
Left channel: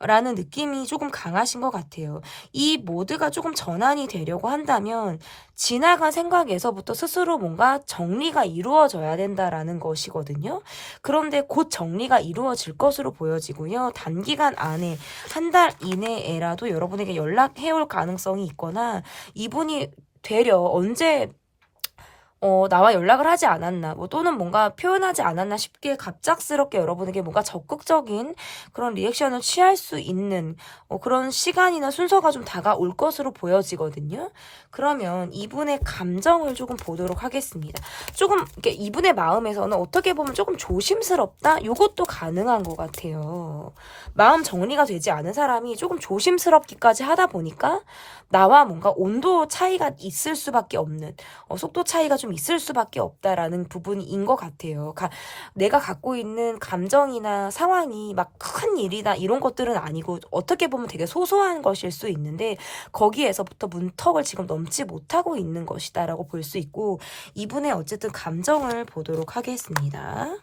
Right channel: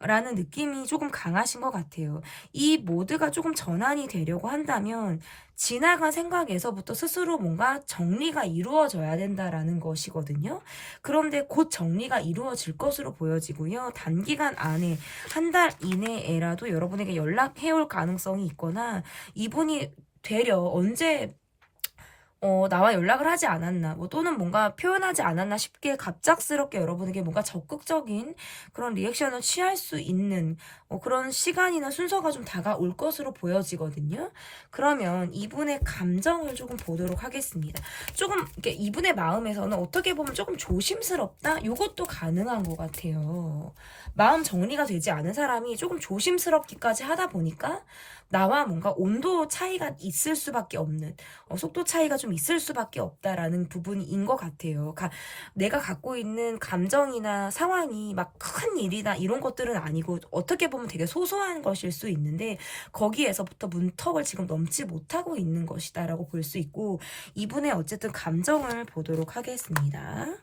라는 느낌이 조금 강하신 것 같아요. 이 모드가 조금 전환이 되려고 한다면 지나간 생각에서부터 스스로 뭔가 정리가 이루어져야 된다라는 것이거든요. 그런데 곧 정리가 이루어질 것으로 보여지고요. 단기간 안에 한 달 이내에라도 여러분에게 연락해올 가능성이 있거나 이분이 되려 언제 나와 연락을 하지 않았나, 뭐, 또는 뭔가 표현하지 않았나 싶게 갑작스럽게 여러분에게 뭔가 적극적인 그런 리액션을 취할 수 있는, 그런 시간이나 순서가 좀 다가올 것으로 보여지거든요. 그러면 이분의 감정을 조금 보도록 하겠습니다. 조금, 이렇게 이분의 마음에서는 어떻게 보면 조금 조심스럽다? 요것도 가능한 것 같아요. 마음 정리가 되지 않은 사람이 조금 조심스럽기까지 하다 보니까 나와 뭔가 온도 차이가 있을 수밖에 없는, 속도 차이가 좀 있을 수밖에 없다라는 부분인 것 같아요. 내가 갖고 있는 감정이나 상황이 막 큰 일이나 이런 것들은 아니고 어떻게 보면 되게 소소한 것일 수 있는데 거기에서부터 문턱을 지금 넘지 못하고 있는 것이다라고 볼 수 있고, 이분의 어쨌든 감정을 보도록 하겠습니다.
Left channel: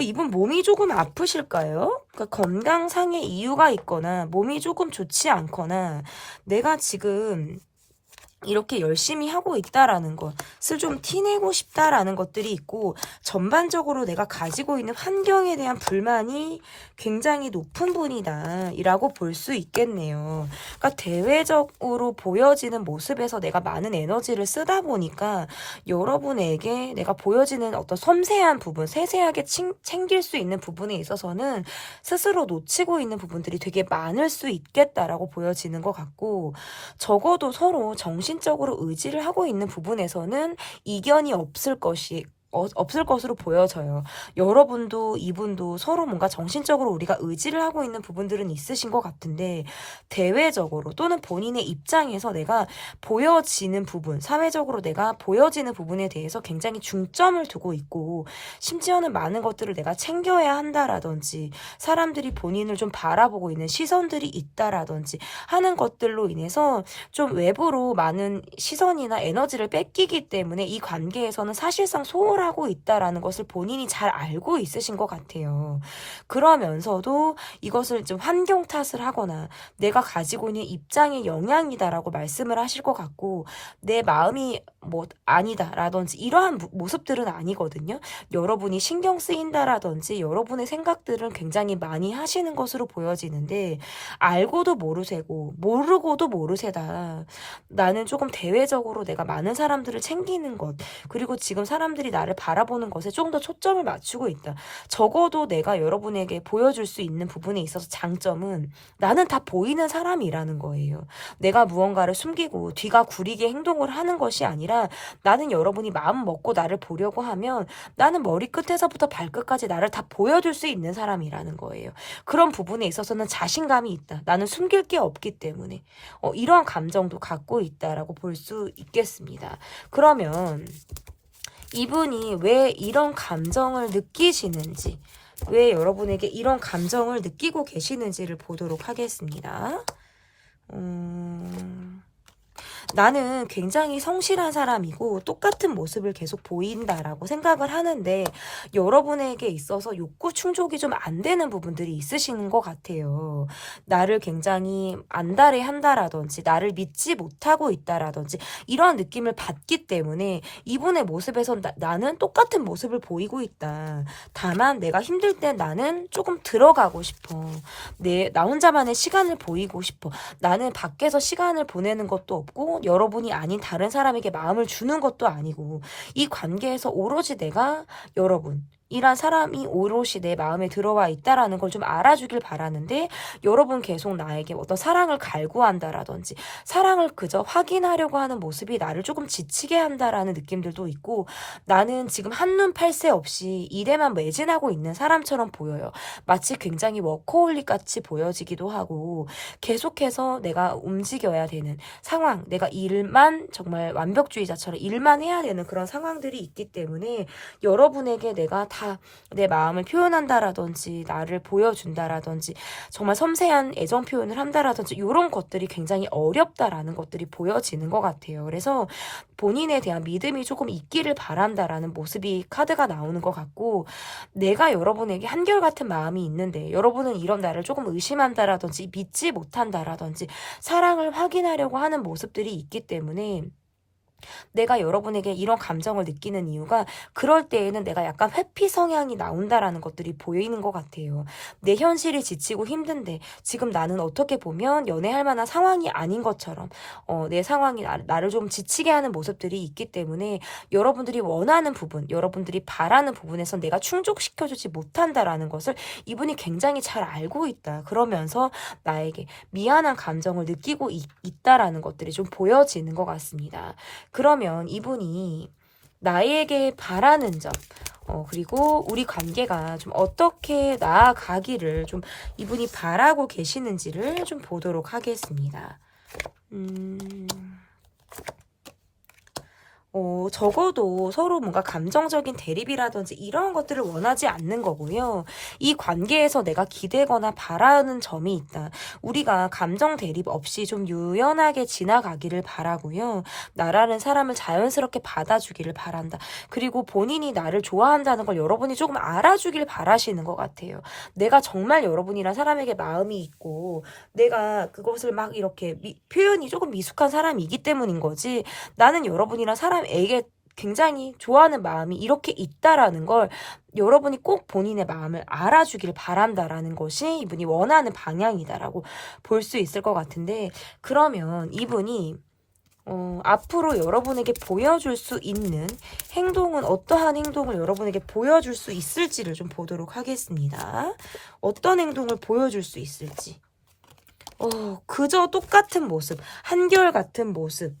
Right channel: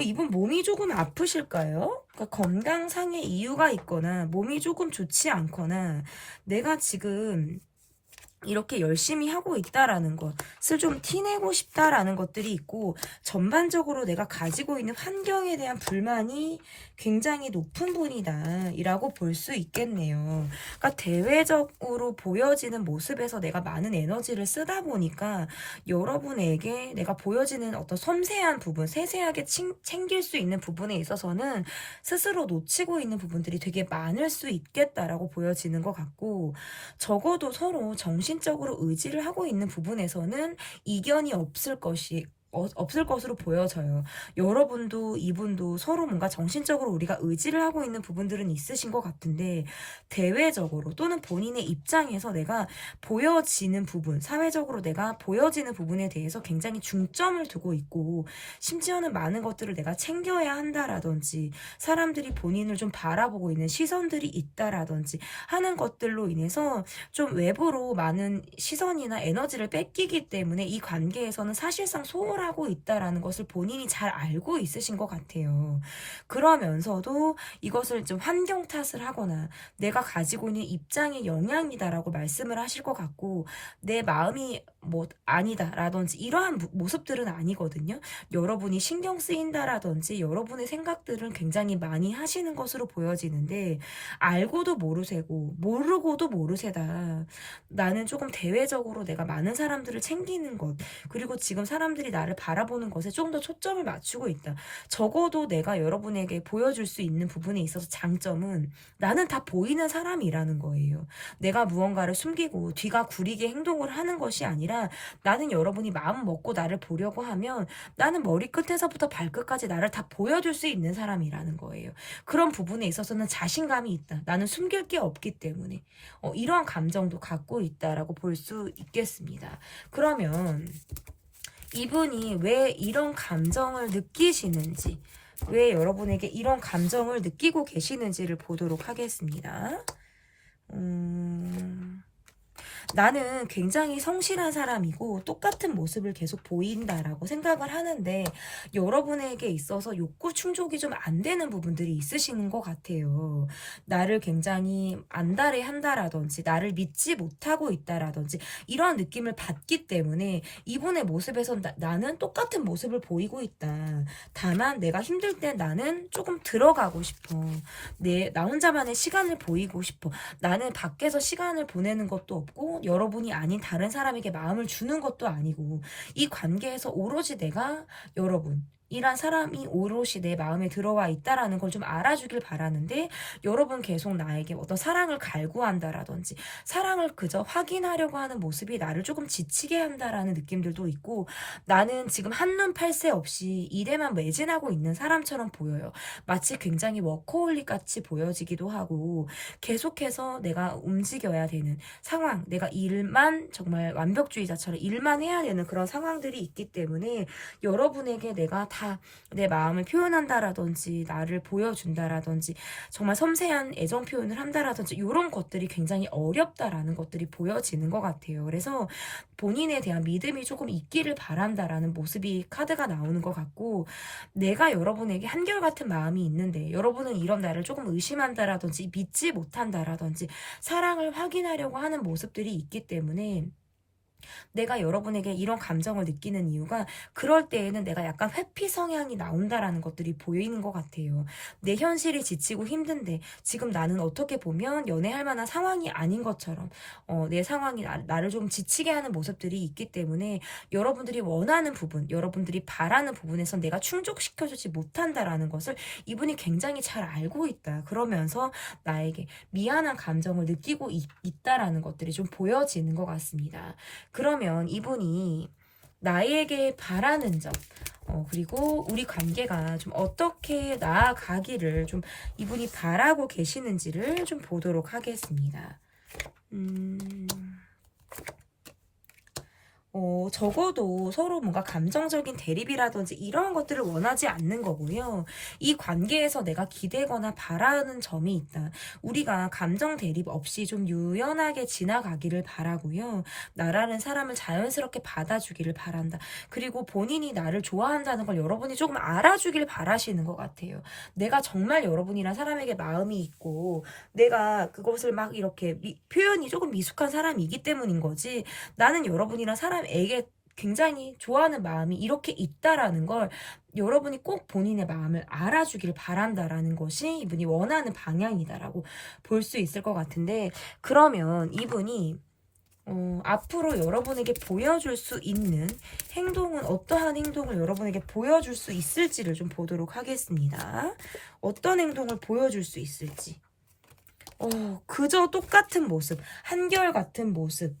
이분 몸이 조금 아프실까요? 그러니까 건강상의 이유가 있거나 몸이 조금 좋지 않거나 내가 지금 이렇게 열심히 하고 있다라는 것을 좀 티내고 싶다라는 것들이 있고, 전반적으로 내가 가지고 있는 환경에 대한 불만이 굉장히 높은 분이다 이라고 볼 수 있겠네요. 그러니까 대외적으로 보여지는 모습에서 내가 많은 에너지를 쓰다 보니까 여러분에게 내가 보여지는 어떤 섬세한 부분, 세세하게 챙길 수 있는 부분에 있어서는 스스로 놓치고 있는 부분들이 되게 많을 수 있겠다라고 보여지는 것 같고, 적어도 서로 정신적으로 의지를 하고 있는 부분에서는 이견이 없을 것이 없을 것으로 보여져요. 여러분도 이분도 서로 뭔가 정신적으로 우리가 의지를 하고 있는 부분들은 있으신 것 같은데 대외적으로 또는 본인의 입장에서 내가 보여지는 부분, 사회적으로 내가 보여지는 부분에 대해서 굉장히 중점을 두고 있고 심지어는 많은 것들을 내가 챙겨야 한다라든지 사람들이 본인을 좀 바라보고 있는 시선들이 있다라든지 하는 것들로 인해서 좀 외부로 많은 시선이나 에너지를 뺏기기 때문에 이 관계에서는 사실상 소홀하고 있다라는 것을 본인이 잘 알고 있으신 것 같아요. 그러면서도 이것을 좀 환경 탓을 하거나 내가 가지고 있는 입장의 영향이다라고 말씀을 하실 것 같고 내 마음이 뭐 아니다라든지 이러한 모습들은 아니거든요. 여러분이 신경 쓰인다라든지 여러분의 생각들은 굉장히 많이 하시는 것으로 보여지는데 알고도 모르새고 모르고도 모르새다. 나는 조금 대외적으로 내가 많은 사람들을 챙기는 것 그리고 지금 사람들이 나를 바라보는 것에 조금 더 초점을 맞추고 있다. 적어도 내가 여러분에게 보여줄 수 있는 부분에 있어서 장점은 나는 다 보이는 사람이라는 거예요. 내가 무언가를 숨기고 뒤가 구리게 행동을 하는 것이 아니라 나는 여러분이 마음 먹고 나를 보려고 하면 나는 머리끝에서부터 발끝까지 나를 다 보여줄 수 있는 사람이라는 거예요. 그런 부분에 있어서는 자신감이 있다. 나는 숨길 게 없기 때문에 이런 감정도 갖고 있다라고 볼 수 있겠습니다. 그러면 이분이 왜 이런 감정을 느끼시는지 왜 여러분에게 이런 감정을 느끼고 계시는지를 보도록 하겠습니다. 나는 굉장히 성실한 사람이고 똑같은 모습을 계속 보인다라고 생각을 하는데 여러분에게 있어서 욕구 충족이 좀 안 되는 부분들이 있으신 것 같아요. 나를 굉장히 안달해 한다라든지 나를 믿지 못하고 있다라든지 이런 느낌을 받기 때문에 이분의 모습에서 나는 똑같은 모습을 보이고 있다. 다만 내가 힘들 때 나는 조금 들어가고 싶어. 나 혼자만의 시간을 보이고 싶어. 나는 밖에서 시간을 보내는 것도 없고 여러분이 아닌 다른 사람에게 마음을 주는 것도 아니고 이 관계에서 오로지 내가 여러분이란 사람이 오롯이 내 마음에 들어와 있다라는 걸 좀 알아주길 바라는데 여러분 계속 나에게 어떤 사랑을 갈구한다라든지 사랑을 그저 확인하려고 하는 모습이 나를 조금 지치게 한다라는 느낌들도 있고 나는 지금 한눈 팔새 없이 일에만 매진하고 있는 사람처럼 보여요. 마치 굉장히 워커홀릭 같이 보여지기도 하고 계속해서 내가 움직여야 되는 상황, 내가 일만 정말 완벽주의자처럼 일만 해야 되는 그런 상황들이 있기 때문에 여러분에게 내가 다 내 마음을 표현한다라든지 나를 보여준다라든지 정말 섬세한 애정 표현을 한다라든지 이런 것들이 굉장히 어렵다라는 것들이 보여지는 것 같아요. 그래서 본인에 대한 믿음이 조금 있기를 바란다라는 모습이 카드가 나오는 것 같고 내가 여러분에게 한결같은 마음이 있는데 여러분은 이런 나를 조금 의심한다라든지 믿지 못한다라든지 사랑을 확인하려고 하는 모습들이 있기 때문에 내가 여러분에게 이런 감정을 느끼는 이유가 그럴 때에는 내가 약간 회피 성향이 나온다라는 것들이 보이는 것 같아요. 내 현실이 지치고 힘든데 지금 나는 어떻게 보면 연애할 만한 상황이 아닌 것처럼 내 상황이 나를 좀 지치게 하는 모습들이 있기 때문에 여러분들이 원하는 부분, 여러분들이 바라는 부분에서 내가 충족시켜주지 못한다라는 것을 이분이 굉장히 잘 알고 있다. 그러면서 나에게 미안한 감정을 느끼고 있다라는 것들이 좀 보여지는 것 같습니다. 그러면 이분이 나에게 바라는 점, 그리고 우리 관계가 좀 어떻게 나아가기를 좀 이분이 바라고 계시는지를 좀 보도록 하겠습니다. 적어도 서로 뭔가 감정적인 대립이라든지 이런 것들을 원하지 않는 거고요. 이 관계에서 내가 기대거나 바라는 점이 있다. 우리가 감정 대립 없이 좀 유연하게 지나가기를 바라고요. 나라는 사람을 자연스럽게 받아주기를 바란다. 그리고 본인이 나를 좋아한다는 걸 여러분이 조금 알아주길 바라시는 것 같아요. 내가 정말 여러분이란 사람에게 마음이 있고 내가 그것을 막 이렇게 표현이 조금 미숙한 사람이기 때문인 거지 나는 여러분이란 사람에게 굉장히 좋아하는 마음이 이렇게 있다라는 걸 여러분이 꼭 본인의 마음을 알아주길 바란다라는 것이 이분이 원하는 방향이다라고 볼 수 있을 것 같은데 그러면 이분이 앞으로 여러분에게 보여줄 수 있는 행동은 어떠한 행동을 여러분에게 보여줄 수 있을지를 좀 보도록 하겠습니다. 어떤 행동을 보여줄 수 있을지. 그저 똑같은 모습, 한결같은 모습,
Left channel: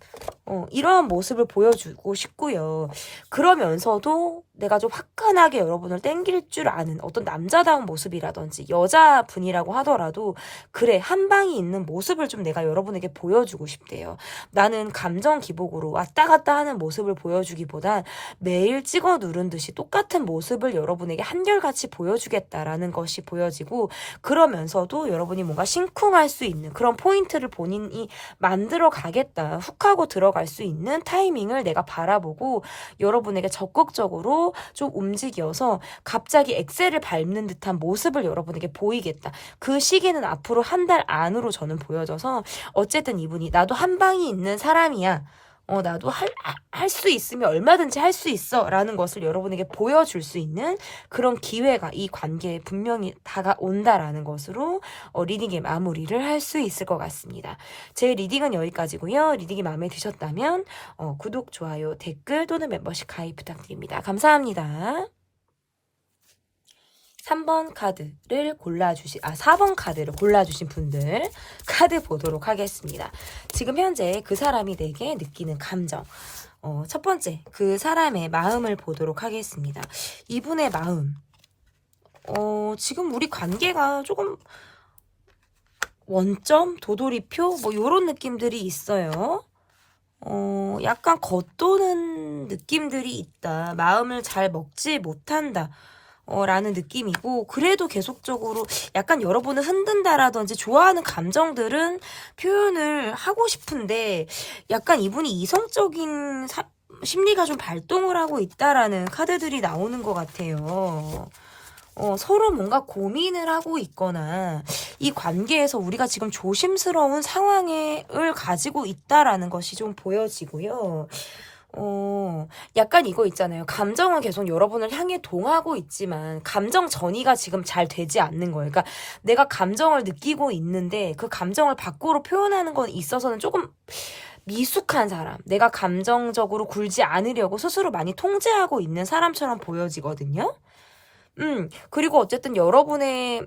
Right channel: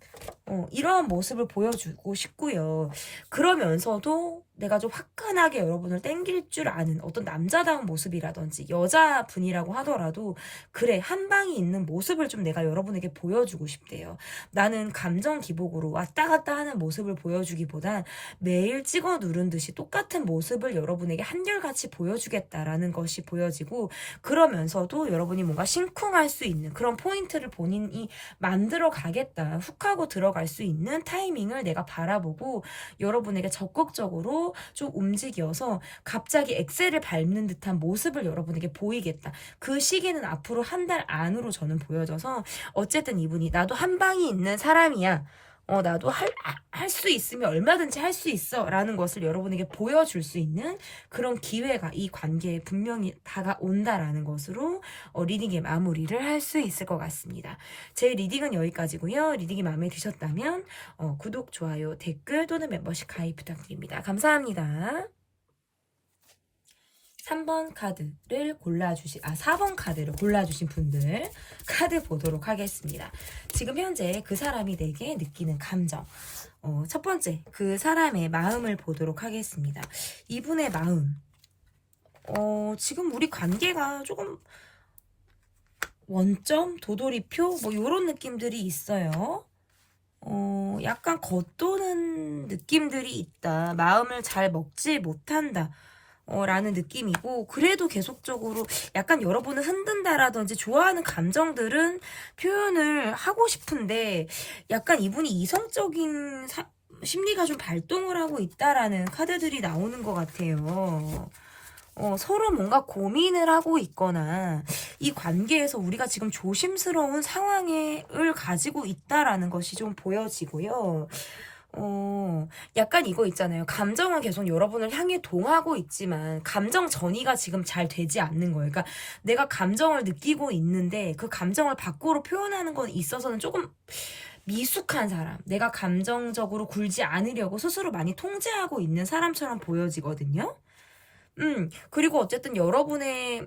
이러한 모습을 보여주고 싶고요. 그러면서도 내가 좀 화끈하게 여러분을 땡길 줄 아는 어떤 남자다운 모습이라든지 여자분이라고 하더라도 그래 한 방이 있는 모습을 좀 내가 여러분에게 보여주고 싶대요. 나는 감정 기복으로 왔다 갔다 하는 모습을 보여주기보단 매일 찍어 누른 듯이 똑같은 모습을 여러분에게 한결같이 보여주겠다라는 것이 보여지고, 그러면서도 여러분이 뭔가 심쿵할 수 있는 그런 포인트를 본인이 만들어 가겠다, 훅 하고 들어갈 수 있는 타이밍을 내가 바라보고 여러분에게 적극적으로 좀 움직여서 갑자기 엑셀을 밟는 듯한 모습을 여러분에게 보이겠다. 그 시기는 앞으로 한 달 안으로 저는 보여져서, 어쨌든 이분이 나도 한 방이 있는 사람이야, 나도 할 수 있으면 얼마든지 할 수 있어 라는 것을 여러분에게 보여줄 수 있는 그런 기회가 이 관계에 분명히 다가온다라는 것으로 리딩의 마무리를 할 수 있을 것 같습니다. 제 리딩은 여기까지고요. 리딩이 마음에 드셨다면 구독, 좋아요, 댓글 또는 멤버십 가입 부탁드립니다. 감사합니다. 4번 카드를 골라주신 분들 카드 보도록 하겠습니다. 지금 현재 그 사람이 내게 느끼는 감정, 첫 번째 그 사람의 마음을 보도록 하겠습니다. 이분의 마음, 지금 우리 관계가 조금 원점, 도돌이표 뭐 이런 느낌들이 있어요. 약간 겉도는 느낌들이 있다. 마음을 잘 먹지 못한다. 라는 느낌이고, 그래도 계속적으로 약간 여러분을 흔든다라든지 좋아하는 감정들은 표현을 하고 싶은데, 약간 이분이 이성적인 심리가 좀 발동을 하고 있다라는 카드들이 나오는 것 같아요. 서로 뭔가 고민을 하고 있거나 이 관계에서 우리가 지금 조심스러운 상황을 가지고 있다라는 것이 좀 보여지고요. 약간 이거 있잖아요. 감정은 계속 여러분을 향해 동하고 있지만 감정 전이가 지금 잘 되지 않는 거예요. 그러니까 내가 감정을 느끼고 있는데 그 감정을 밖으로 표현하는 건 있어서는 조금 미숙한 사람, 내가 감정적으로 굴지 않으려고 스스로 많이 통제하고 있는 사람처럼 보여지거든요. 그리고 어쨌든 여러분의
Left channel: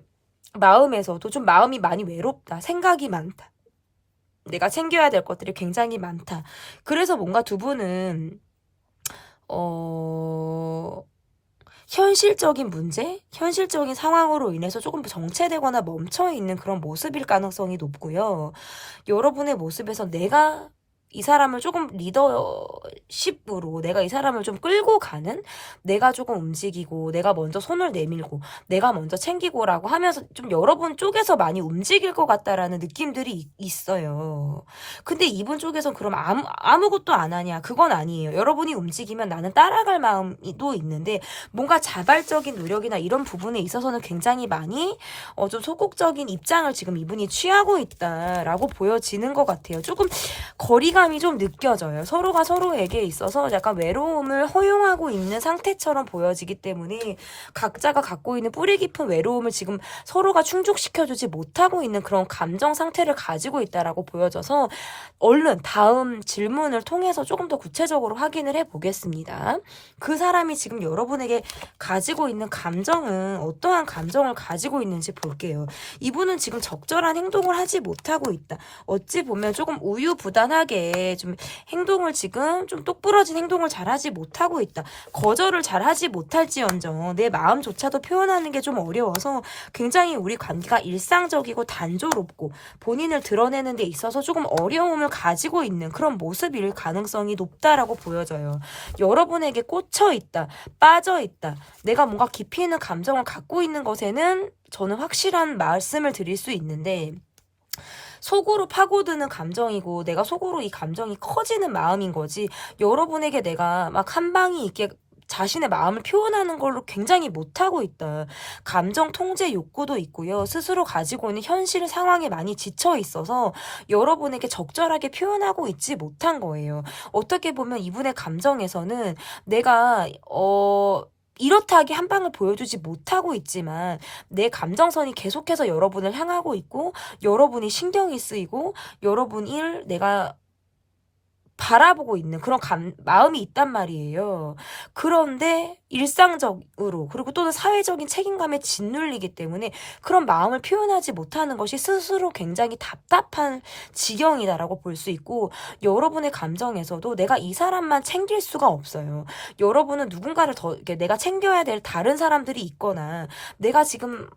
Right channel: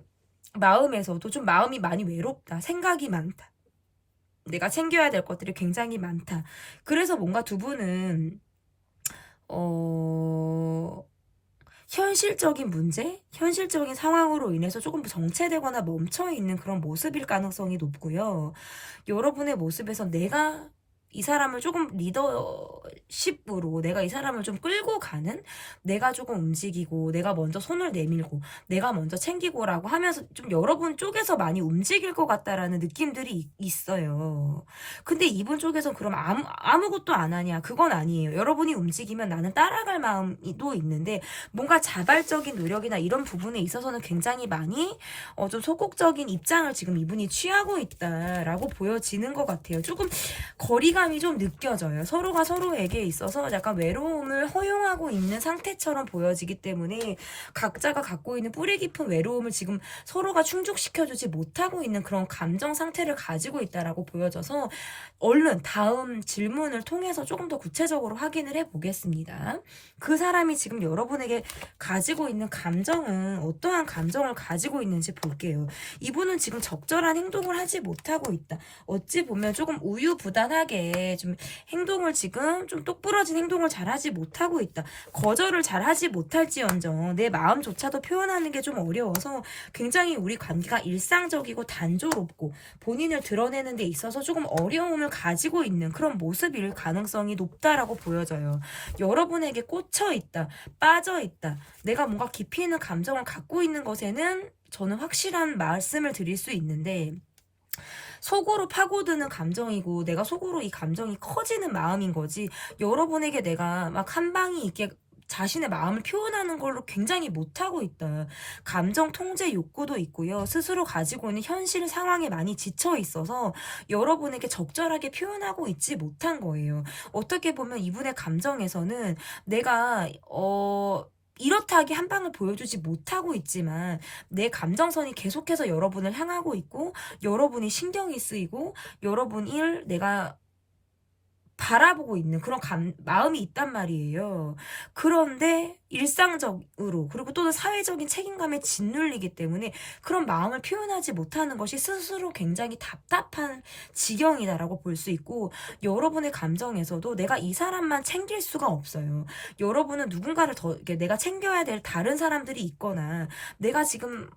마음에서도 좀 마음이 많이 외롭다, 생각이 많다, 내가 챙겨야 될 것들이 굉장히 많다. 그래서 뭔가 두 분은 현실적인 문제, 현실적인 상황으로 인해서 조금 정체되거나 멈춰있는 그런 모습일 가능성이 높고요. 여러분의 모습에서 내가 이 사람을 조금 리더십으로 내가 이 사람을 좀 끌고 가는, 내가 조금 움직이고 내가 먼저 손을 내밀고 내가 먼저 챙기고라고 하면서 좀 여러분 쪽에서 많이 움직일 것 같다라는 느낌들이 있어요. 근데 이분 쪽에선 그럼 아무것도 안 하냐, 그건 아니에요. 여러분이 움직이면 나는 따라갈 마음도 있는데 뭔가 자발적인 노력이나 이런 부분에 있어서는 굉장히 많이 좀 소극적인 입장을 지금 이분이 취하고 있다라고 보여지는 것 같아요. 조금 거리감이 좀 느껴져요. 서로가 서로에게 있어서 약간 외로움을 허용하고 있는 상태처럼 보여지기 때문에 각자가 갖고 있는 뿌리 깊은 외로움을 지금 서로가 충족시켜주지 못하고 있는 그런 감정 상태를 가지고 있다라고 보여져서, 얼른 다음 질문을 통해서 조금 더 구체적으로 확인을 해보겠습니다. 그 사람이 지금 여러분에게 가지고 있는 감정은 어떠한 감정을 가지고 있는지 볼게요. 이분은 지금 적절한 행동을 하지 못하고 있다. 어찌 보면 조금 우유부단하게 좀 행동을 지금 좀 똑부러진 행동을 잘하지 못하고 있다. 거절을 잘하지 못할지언정 내 마음조차도 표현하는 게 좀 어려워서 굉장히 우리 관계가 일상적이고 단조롭고 본인을 드러내는 데 있어서 조금 어려움을 가지고 있는 그런 모습일 가능성이 높다라고 보여져요. 여러분에게 꽂혀 있다, 빠져 있다, 내가 뭔가 깊이 있는 감정을 갖고 있는 것에는 저는 확실한 말씀을 드릴 수 있는데, 속으로 파고드는 감정이고 내가 속으로 이 감정이 커지는 마음인 거지, 여러분에게 내가 막 한 방이 있게 자신의 마음을 표현하는 걸로 굉장히 못하고 있다. 감정 통제 욕구도 있고요. 스스로 가지고 있는 현실 상황에 많이 지쳐 있어서 여러분에게 적절하게 표현하고 있지 못한 거예요. 어떻게 보면 이분의 감정에서는 내가 이렇다하게 한 방을 보여주지 못하고 있지만 내 감정선이 계속해서 여러분을 향하고 있고 여러분이 신경이 쓰이고 여러분을 내가 바라보고 있는 그런 마음이 있단 말이에요. 그런데 일상적으로 그리고 또는 사회적인 책임감에 짓눌리기 때문에 그런 마음을 표현하지 못하는 것이 스스로 굉장히 답답한 지경이다라고 볼 수 있고, 여러분의 감정에서도 내가 이 사람만 챙길 수가 없어요. 여러분은 누군가를 더 이렇게 내가 챙겨야 될 다른 사람들이 있거나 내가 지금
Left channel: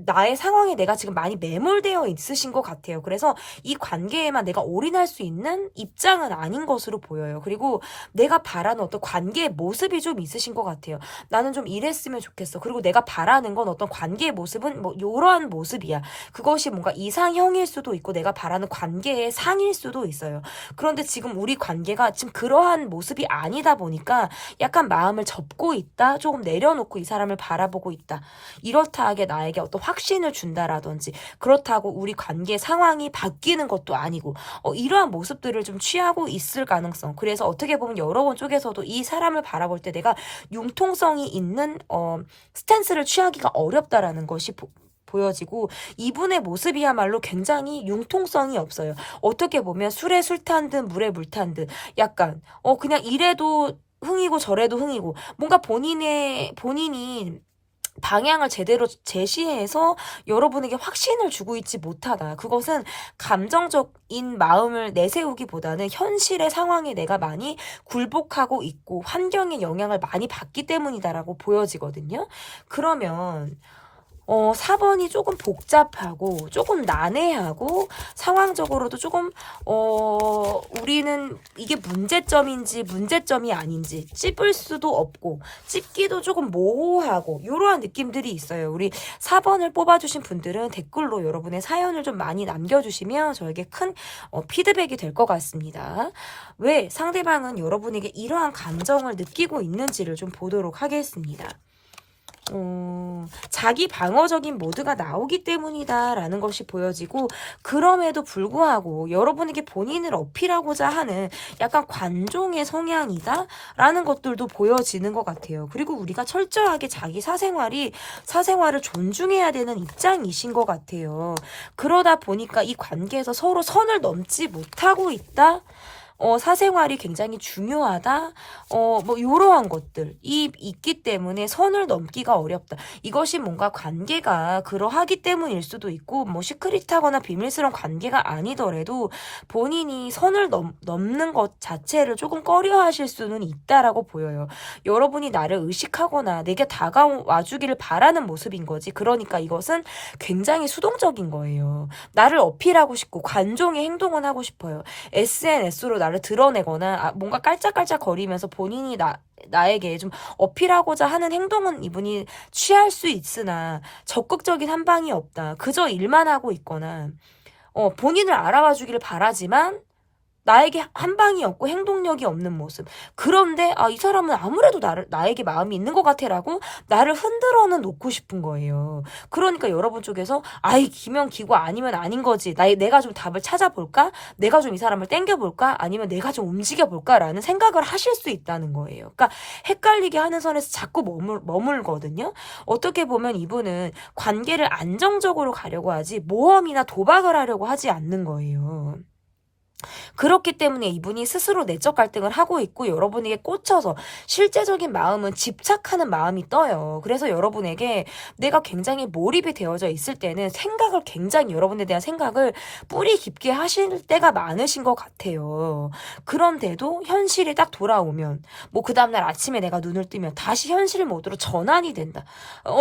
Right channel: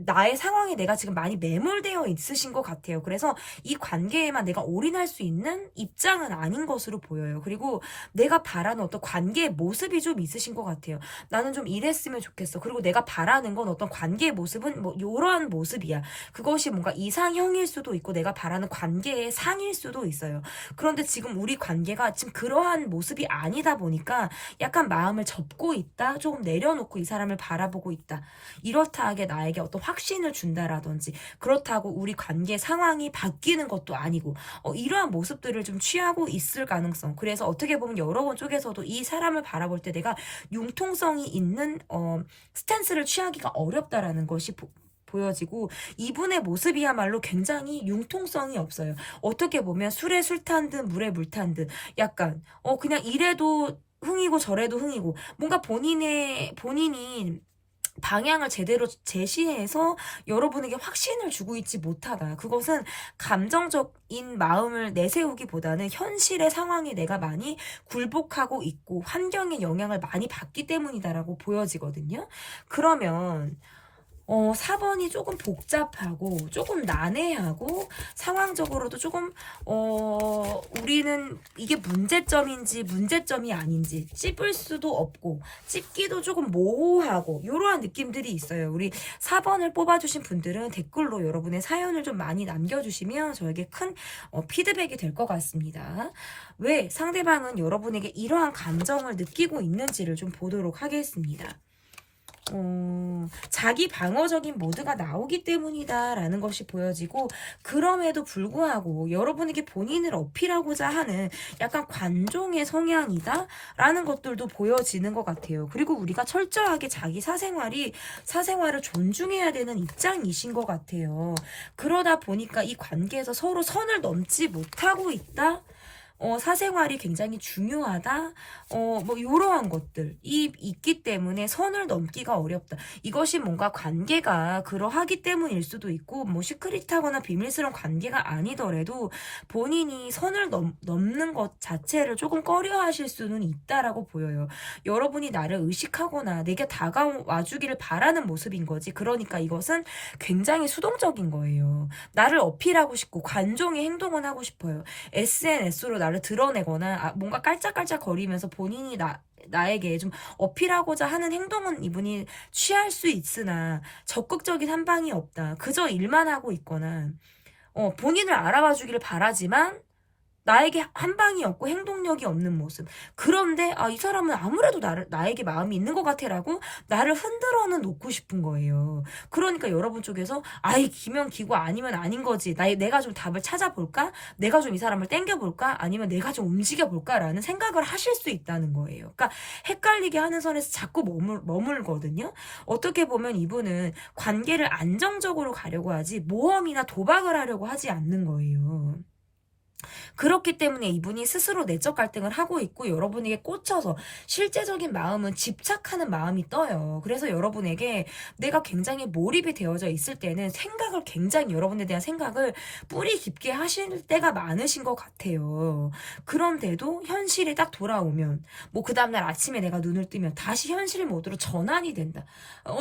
나의 상황에 내가 지금 많이 매몰되어 있으신 것 같아요. 그래서 이 관계에만 내가 올인할 수 있는 입장은 아닌 것으로 보여요. 그리고 내가 바라는 어떤 관계의 모습이 좀 있으신 것 같아요. 나는 좀 이랬으면 좋겠어. 그리고 내가 바라는 건 어떤 관계의 모습은 뭐 이러한 모습이야. 그것이 뭔가 이상형일 수도 있고 내가 바라는 관계의 상일 수도 있어요. 그런데 지금 우리 관계가 지금 그러한 모습이 아니다 보니까 약간 마음을 접고 있다. 조금 내려놓고 이 사람을 바라보고 있다. 이렇다 하게 나에게 어떤 확신을 준다라든지, 그렇다고 우리 관계 상황이 바뀌는 것도 아니고 이러한 모습들을 좀 취하고 있을 가능성. 그래서 어떻게 보면 여러분 쪽에서도 이 사람을 바라볼 때 내가 융통성이 있는 스탠스를 취하기가 어렵다라는 것이 보여지고, 이분의 모습이야말로 굉장히 융통성이 없어요. 어떻게 보면 술에 술 탄 듯 물에 물 탄 듯 약간 그냥 이래도 흥이고 저래도 흥이고, 뭔가 본인이 방향을 제대로 제시해서 여러분에게 확신을 주고 있지 못하다. 그것은 감정적인 마음을 내세우기보다는 현실의 상황에 내가 많이 굴복하고 있고 환경의 영향을 많이 받기 때문이다라고 보여지거든요. 그러면 4번이 조금 복잡하고 조금 난해하고 상황적으로도 조금 우리는 이게 문제점인지 문제점이 아닌지 찝을 수도 없고 찝기도 조금 모호하고 이러한 느낌들이 있어요. 우리 4번을 뽑아주신 분들은 댓글로 여러분의 사연을 좀 많이 남겨주시면 저에게 큰 피드백이 될 것 같습니다. 왜 상대방은 여러분에게 이러한 감정을 느끼고 있는지를 좀 보도록 하겠습니다. 자기 방어적인 모드가 나오기 때문이다라는 것이 보여지고, 그럼에도 불구하고 여러분에게 본인을 어필하고자 하는 약간 관종의 성향이다라는 것들도 보여지는 것 같아요. 그리고 우리가 철저하게 자기 사생활을 존중해야 되는 입장이신 것 같아요. 그러다 보니까 이 관계에서 서로 선을 넘지 못하고 있다? 사생활이 굉장히 중요하다. 뭐 이러한 것들이 있기 때문에 선을 넘기가 어렵다. 이것이 뭔가 관계가 그러하기 때문일 수도 있고, 뭐 시크릿하거나 비밀스러운 관계가 아니더라도 본인이 선을 넘는 것 자체를 조금 꺼려하실 수는 있다라고 보여요. 여러분이 나를 의식하거나 내게 다가와 주기를 바라는 모습인 거지. 그러니까 이것은 굉장히 수동적인 거예요. 나를 어필하고 싶고 관종의 행동은 하고 싶어요. SNS로 나를 드러내거나 뭔가 깔짝깔짝 거리면서 본인이 나에게 좀 어필하고자 하는 행동은 이분이 취할 수 있으나 적극적인 한방이 없다. 그저 일만 하고 있거나 본인을 알아봐 주기를 바라지만 나에게 한방이 없고 행동력이 없는 모습. 그런데 이 사람은 아무래도 나에게 마음이 있는 것 같아라고 나를 흔들어는 놓고 싶은 거예요. 그러니까 여러분 쪽에서 기면 기고 아니면 아닌 거지. 내가 좀 답을 찾아볼까? 내가 좀 이 사람을 땡겨볼까? 아니면 내가 좀 움직여볼까? 라는 생각을 하실 수 있다는 거예요. 그러니까 헷갈리게 하는 선에서 자꾸 머물거든요. 어떻게 보면 이분은 관계를 안정적으로 가려고 하지 모험이나 도박을 하려고 하지 않는 거예요. 그렇기 때문에 이분이 스스로 내적 갈등을 하고 있고, 여러분에게 꽂혀서 실제적인 마음은 집착하는 마음이 떠요. 그래서 여러분에게 내가 굉장히 몰입이 되어져 있을 때는 굉장히 여러분에 대한 생각을 뿌리 깊게 하실 때가 많으신 것 같아요. 그런데도 현실이 딱 돌아오면 그 다음날 아침에 내가 눈을 뜨면 다시 현실 모드로 전환이 된다.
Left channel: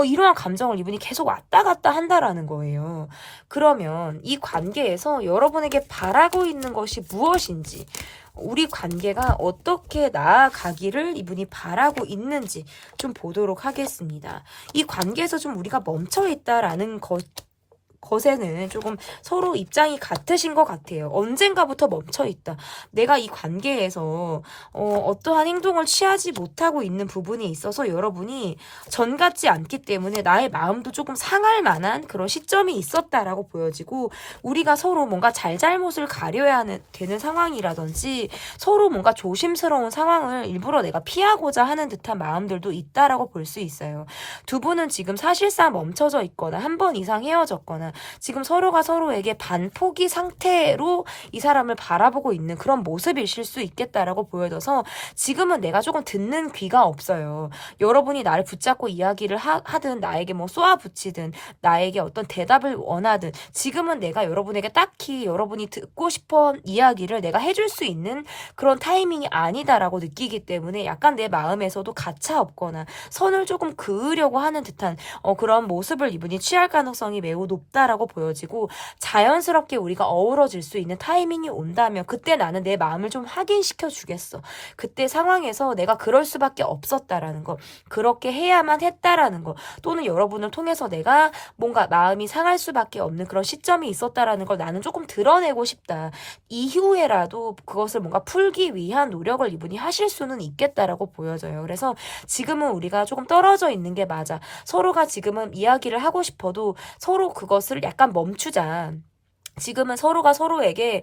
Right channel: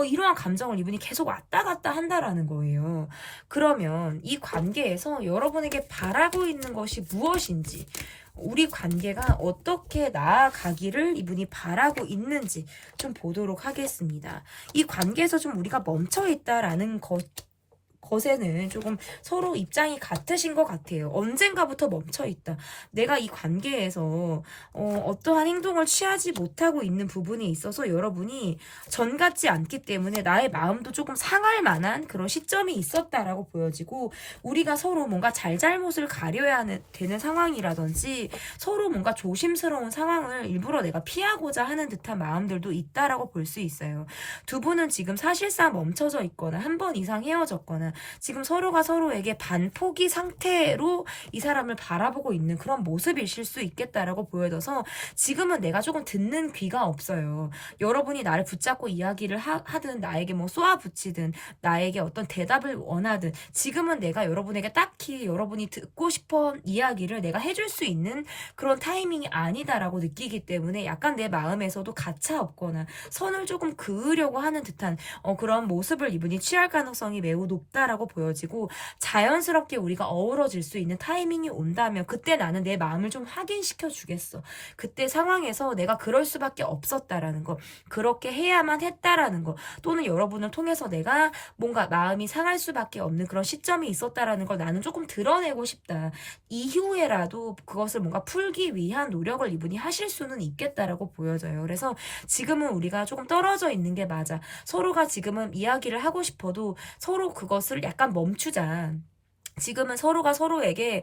이러한 감정을 이분이 계속 왔다 갔다 한다라는 거예요. 그러면 이 관계에서 여러분에게 바라고 있는 것이 무엇인지, 우리 관계가 어떻게 나아가기를 이분이 바라고 있는지 좀 보도록 하겠습니다. 이 관계에서 좀 우리가 멈춰있다라는 것에는 조금 서로 입장이 같으신 것 같아요. 언젠가부터 멈춰있다. 내가 이 관계에서 어떠한 행동을 취하지 못하고 있는 부분이 있어서 여러분이 전 같지 않기 때문에 나의 마음도 조금 상할 만한 그런 시점이 있었다라고 보여지고, 우리가 서로 뭔가 잘잘못을 가려야 되는 상황이라든지 서로 뭔가 조심스러운 상황을 일부러 내가 피하고자 하는 듯한 마음들도 있다라고 볼 수 있어요. 두 분은 지금 사실상 멈춰져 있거나 한 번 이상 헤어졌거나 지금 서로가 서로에게 반포기 상태로 이 사람을 바라보고 있는 그런 모습이실 수 있겠다라고 보여져서 지금은 내가 조금 듣는 귀가 없어요. 여러분이 나를 붙잡고 이야기를 하든 나에게 뭐 쏘아붙이든 나에게 어떤 대답을 원하든 지금은 내가 여러분에게 딱히 여러분이 듣고 싶은 이야기를 내가 해줄 수 있는 그런 타이밍이 아니다라고 느끼기 때문에 약간 내 마음에서도 가차 없거나 선을 조금 그으려고 하는 듯한 그런 모습을 이분이 취할 가능성이 매우 높다라고 보여지고 자연스럽게 우리가 어우러질 수 있는 타이밍이 온다면 그때 나는 내 마음을 좀 확인시켜 주겠어. 그때 상황에서 내가 그럴 수밖에 없었다라는 거, 그렇게 해야만 했다라는 거, 또는 여러분을 통해서 내가 뭔가 마음이 상할 수밖에 없는 그런 시점이 있었다라는 걸 나는 조금 드러내고 싶다. 이후에라도 그것을 뭔가 풀기 위한 노력을 이분이 하실 수는 있겠다라고 보여져요. 그래서 지금은 우리가 조금 떨어져 있는 게 맞아. 서로가 지금은 이야기를 하고 싶어도 서로 그것을 약간 멈추자. 지금은 서로가 서로에게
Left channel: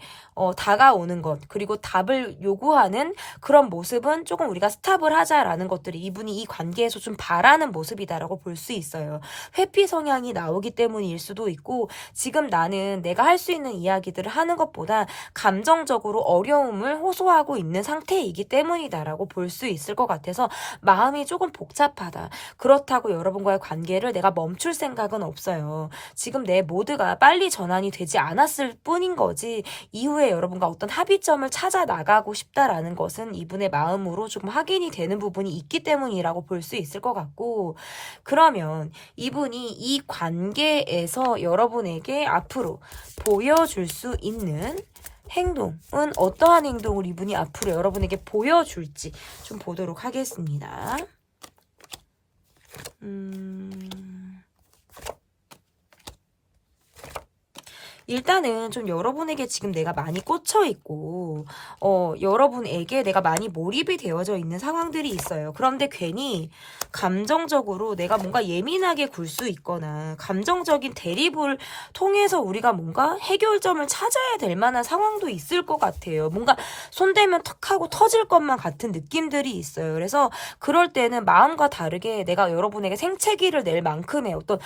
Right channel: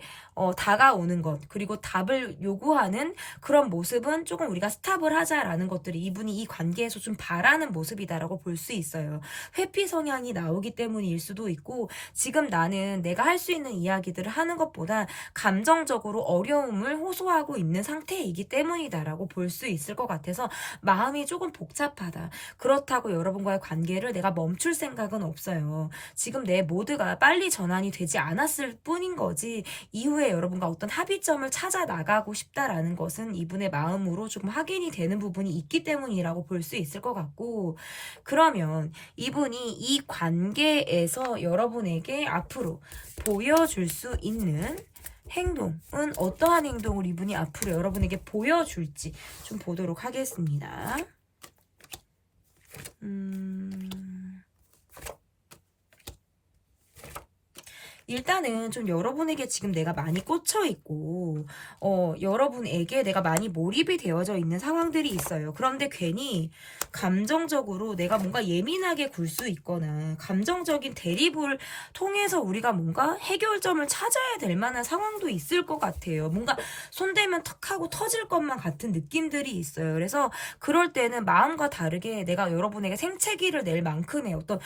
다가오는 것 그리고 답을 요구하는 그런 모습은 조금 우리가 스탑을 하자라는 것들이 이분이 이 관계에서 좀 바라는 모습이다라고 볼 수 있어요. 회피 성향이 나오기 때문일 수도 있고 지금 나는 내가 할 수 있는 이야기들을 하는 것보다 감정적으로 어려움을 호소하고 있는 상태이기 때문이다라고 볼 수 있을 것 같아서 마음이 조금 복잡하다. 그렇다고 여러분과의 관계를 내가 멈출 생각은 없어요. 지금 내 모드가 빨리 전환이 되지 않았을 뿐인 거지 이후에 여러분과 어떤 합의점을 찾아 나가고 싶다라는 것은 이분의 마음으로 조금 확인이 되는 부분이 있기 때문이라고 볼 수 있을 것 같고 그러면 이분이 이 관계에서 여러분에게 앞으로 보여줄 수 있는 행동은 어떠한 행동을 이분이 앞으로 여러분에게 보여줄지 좀 보도록 하겠습니다. 일단은 좀 여러분에게 지금 내가 많이 꽂혀 있고 여러분에게 내가 많이 몰입이 되어져 있는 상황들이 있어요. 그런데 괜히 감정적으로 내가 뭔가 예민하게 굴 수 있거나 감정적인 대립을 통해서 우리가 뭔가 해결점을 찾아야 될 만한 상황도 있을 것 같아요. 뭔가 손대면 턱 하고 터질 것만 같은 느낌들이 있어요. 그래서 그럴 때는 마음과 다르게 내가 여러분에게 생채기를 낼 만큼의 어떤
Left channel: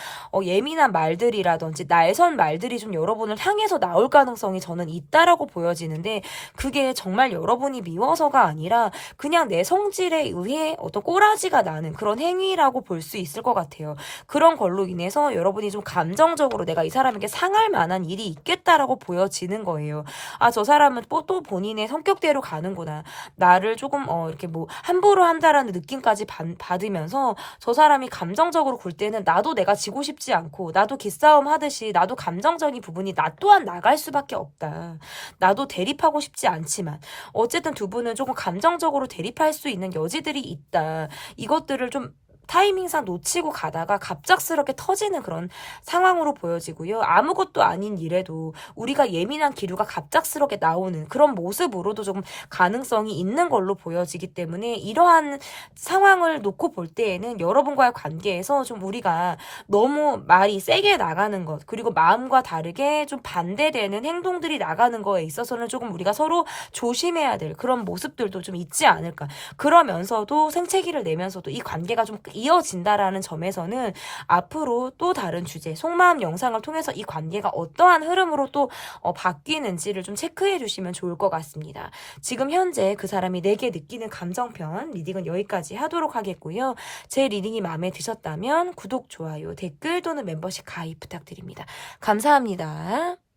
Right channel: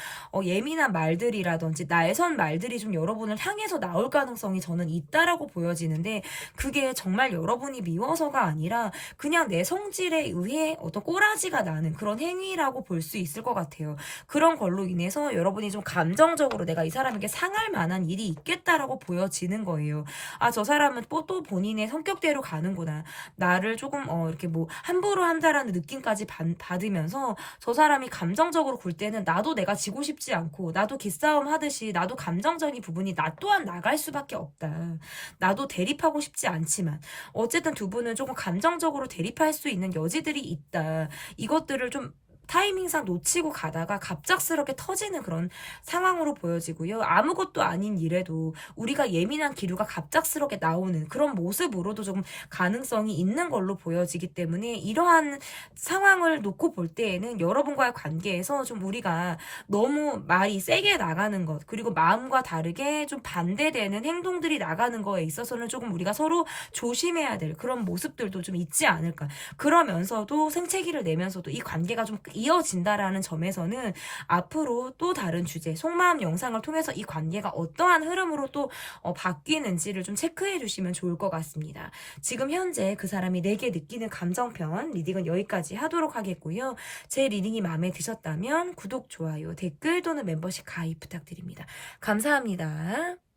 예민한 말들이라든지 날선 말들이 좀 여러분을 향해서 나올 가능성이 저는 있다라고 보여지는데 그게 정말 여러분이 미워서가 아니라 그냥 내 성질에 의해 어떤 꼬라지가 나는 그런 행위라고 볼 수 있을 것 같아요. 그런 걸로 인해서 여러분이 좀 감정적으로 내가 이 사람에게 상할 만한 일이 있겠다라고 보여지는 거예요. 아, 저 사람은 또 본인의 성격대로 가는구나. 나를 조금 이렇게 뭐 함부로 한다라는 느낌까지 받으면서 저 사람이 감정적으로 굴 때는 나도 내가 지고 싶지 않고 나도 기싸움 하듯이 나도 감정적인 부분이 나 또한 나갈 수밖에 없다. 나도 대립하고 싶지 않지만 어쨌든 두 분은 조금 감정적으로 대립할 수 있는 여지들이 있다. 이것들을 좀 타이밍상 놓치고 가다가 갑작스럽게 터지는 그런 상황으로 보여지고요. 아무것도 아닌 일에도 우리가 예민한 기류가 갑작스럽게 나오는 그런 모습으로도 조금 가능성이 있는 걸로 보여지기 때문에 이러한 상황을 놓고 볼 때에는 여러분과의 관계에서 좀 우리가 너무 말이 세게 나가는 것 그리고 마음과 다르게 좀 반대되는 행동들이 나가는 거에 있어서는 조금 우리가 서로 조심해야 될 그런 모습들도 좀 있지 않을까. 그러면서도 생채기를 내면서도 이 관계가 좀 이어진다라는 점에서는 앞으로 또 다른 주제, 속마음 영상을 통해서 이 관계가 어떠한 흐름으로 또 바뀌는지를 좀 체크해 주시면 좋을 것 같습니다. 지금 현재 그 사람이 내게 느끼는 감정편 리딩은 여기까지 하도록 하겠고요. 제 리딩이 마음에 드셨다면 구독, 좋아요, 댓글 또는 멤버십 가입 부탁드립니다. 감사합니다.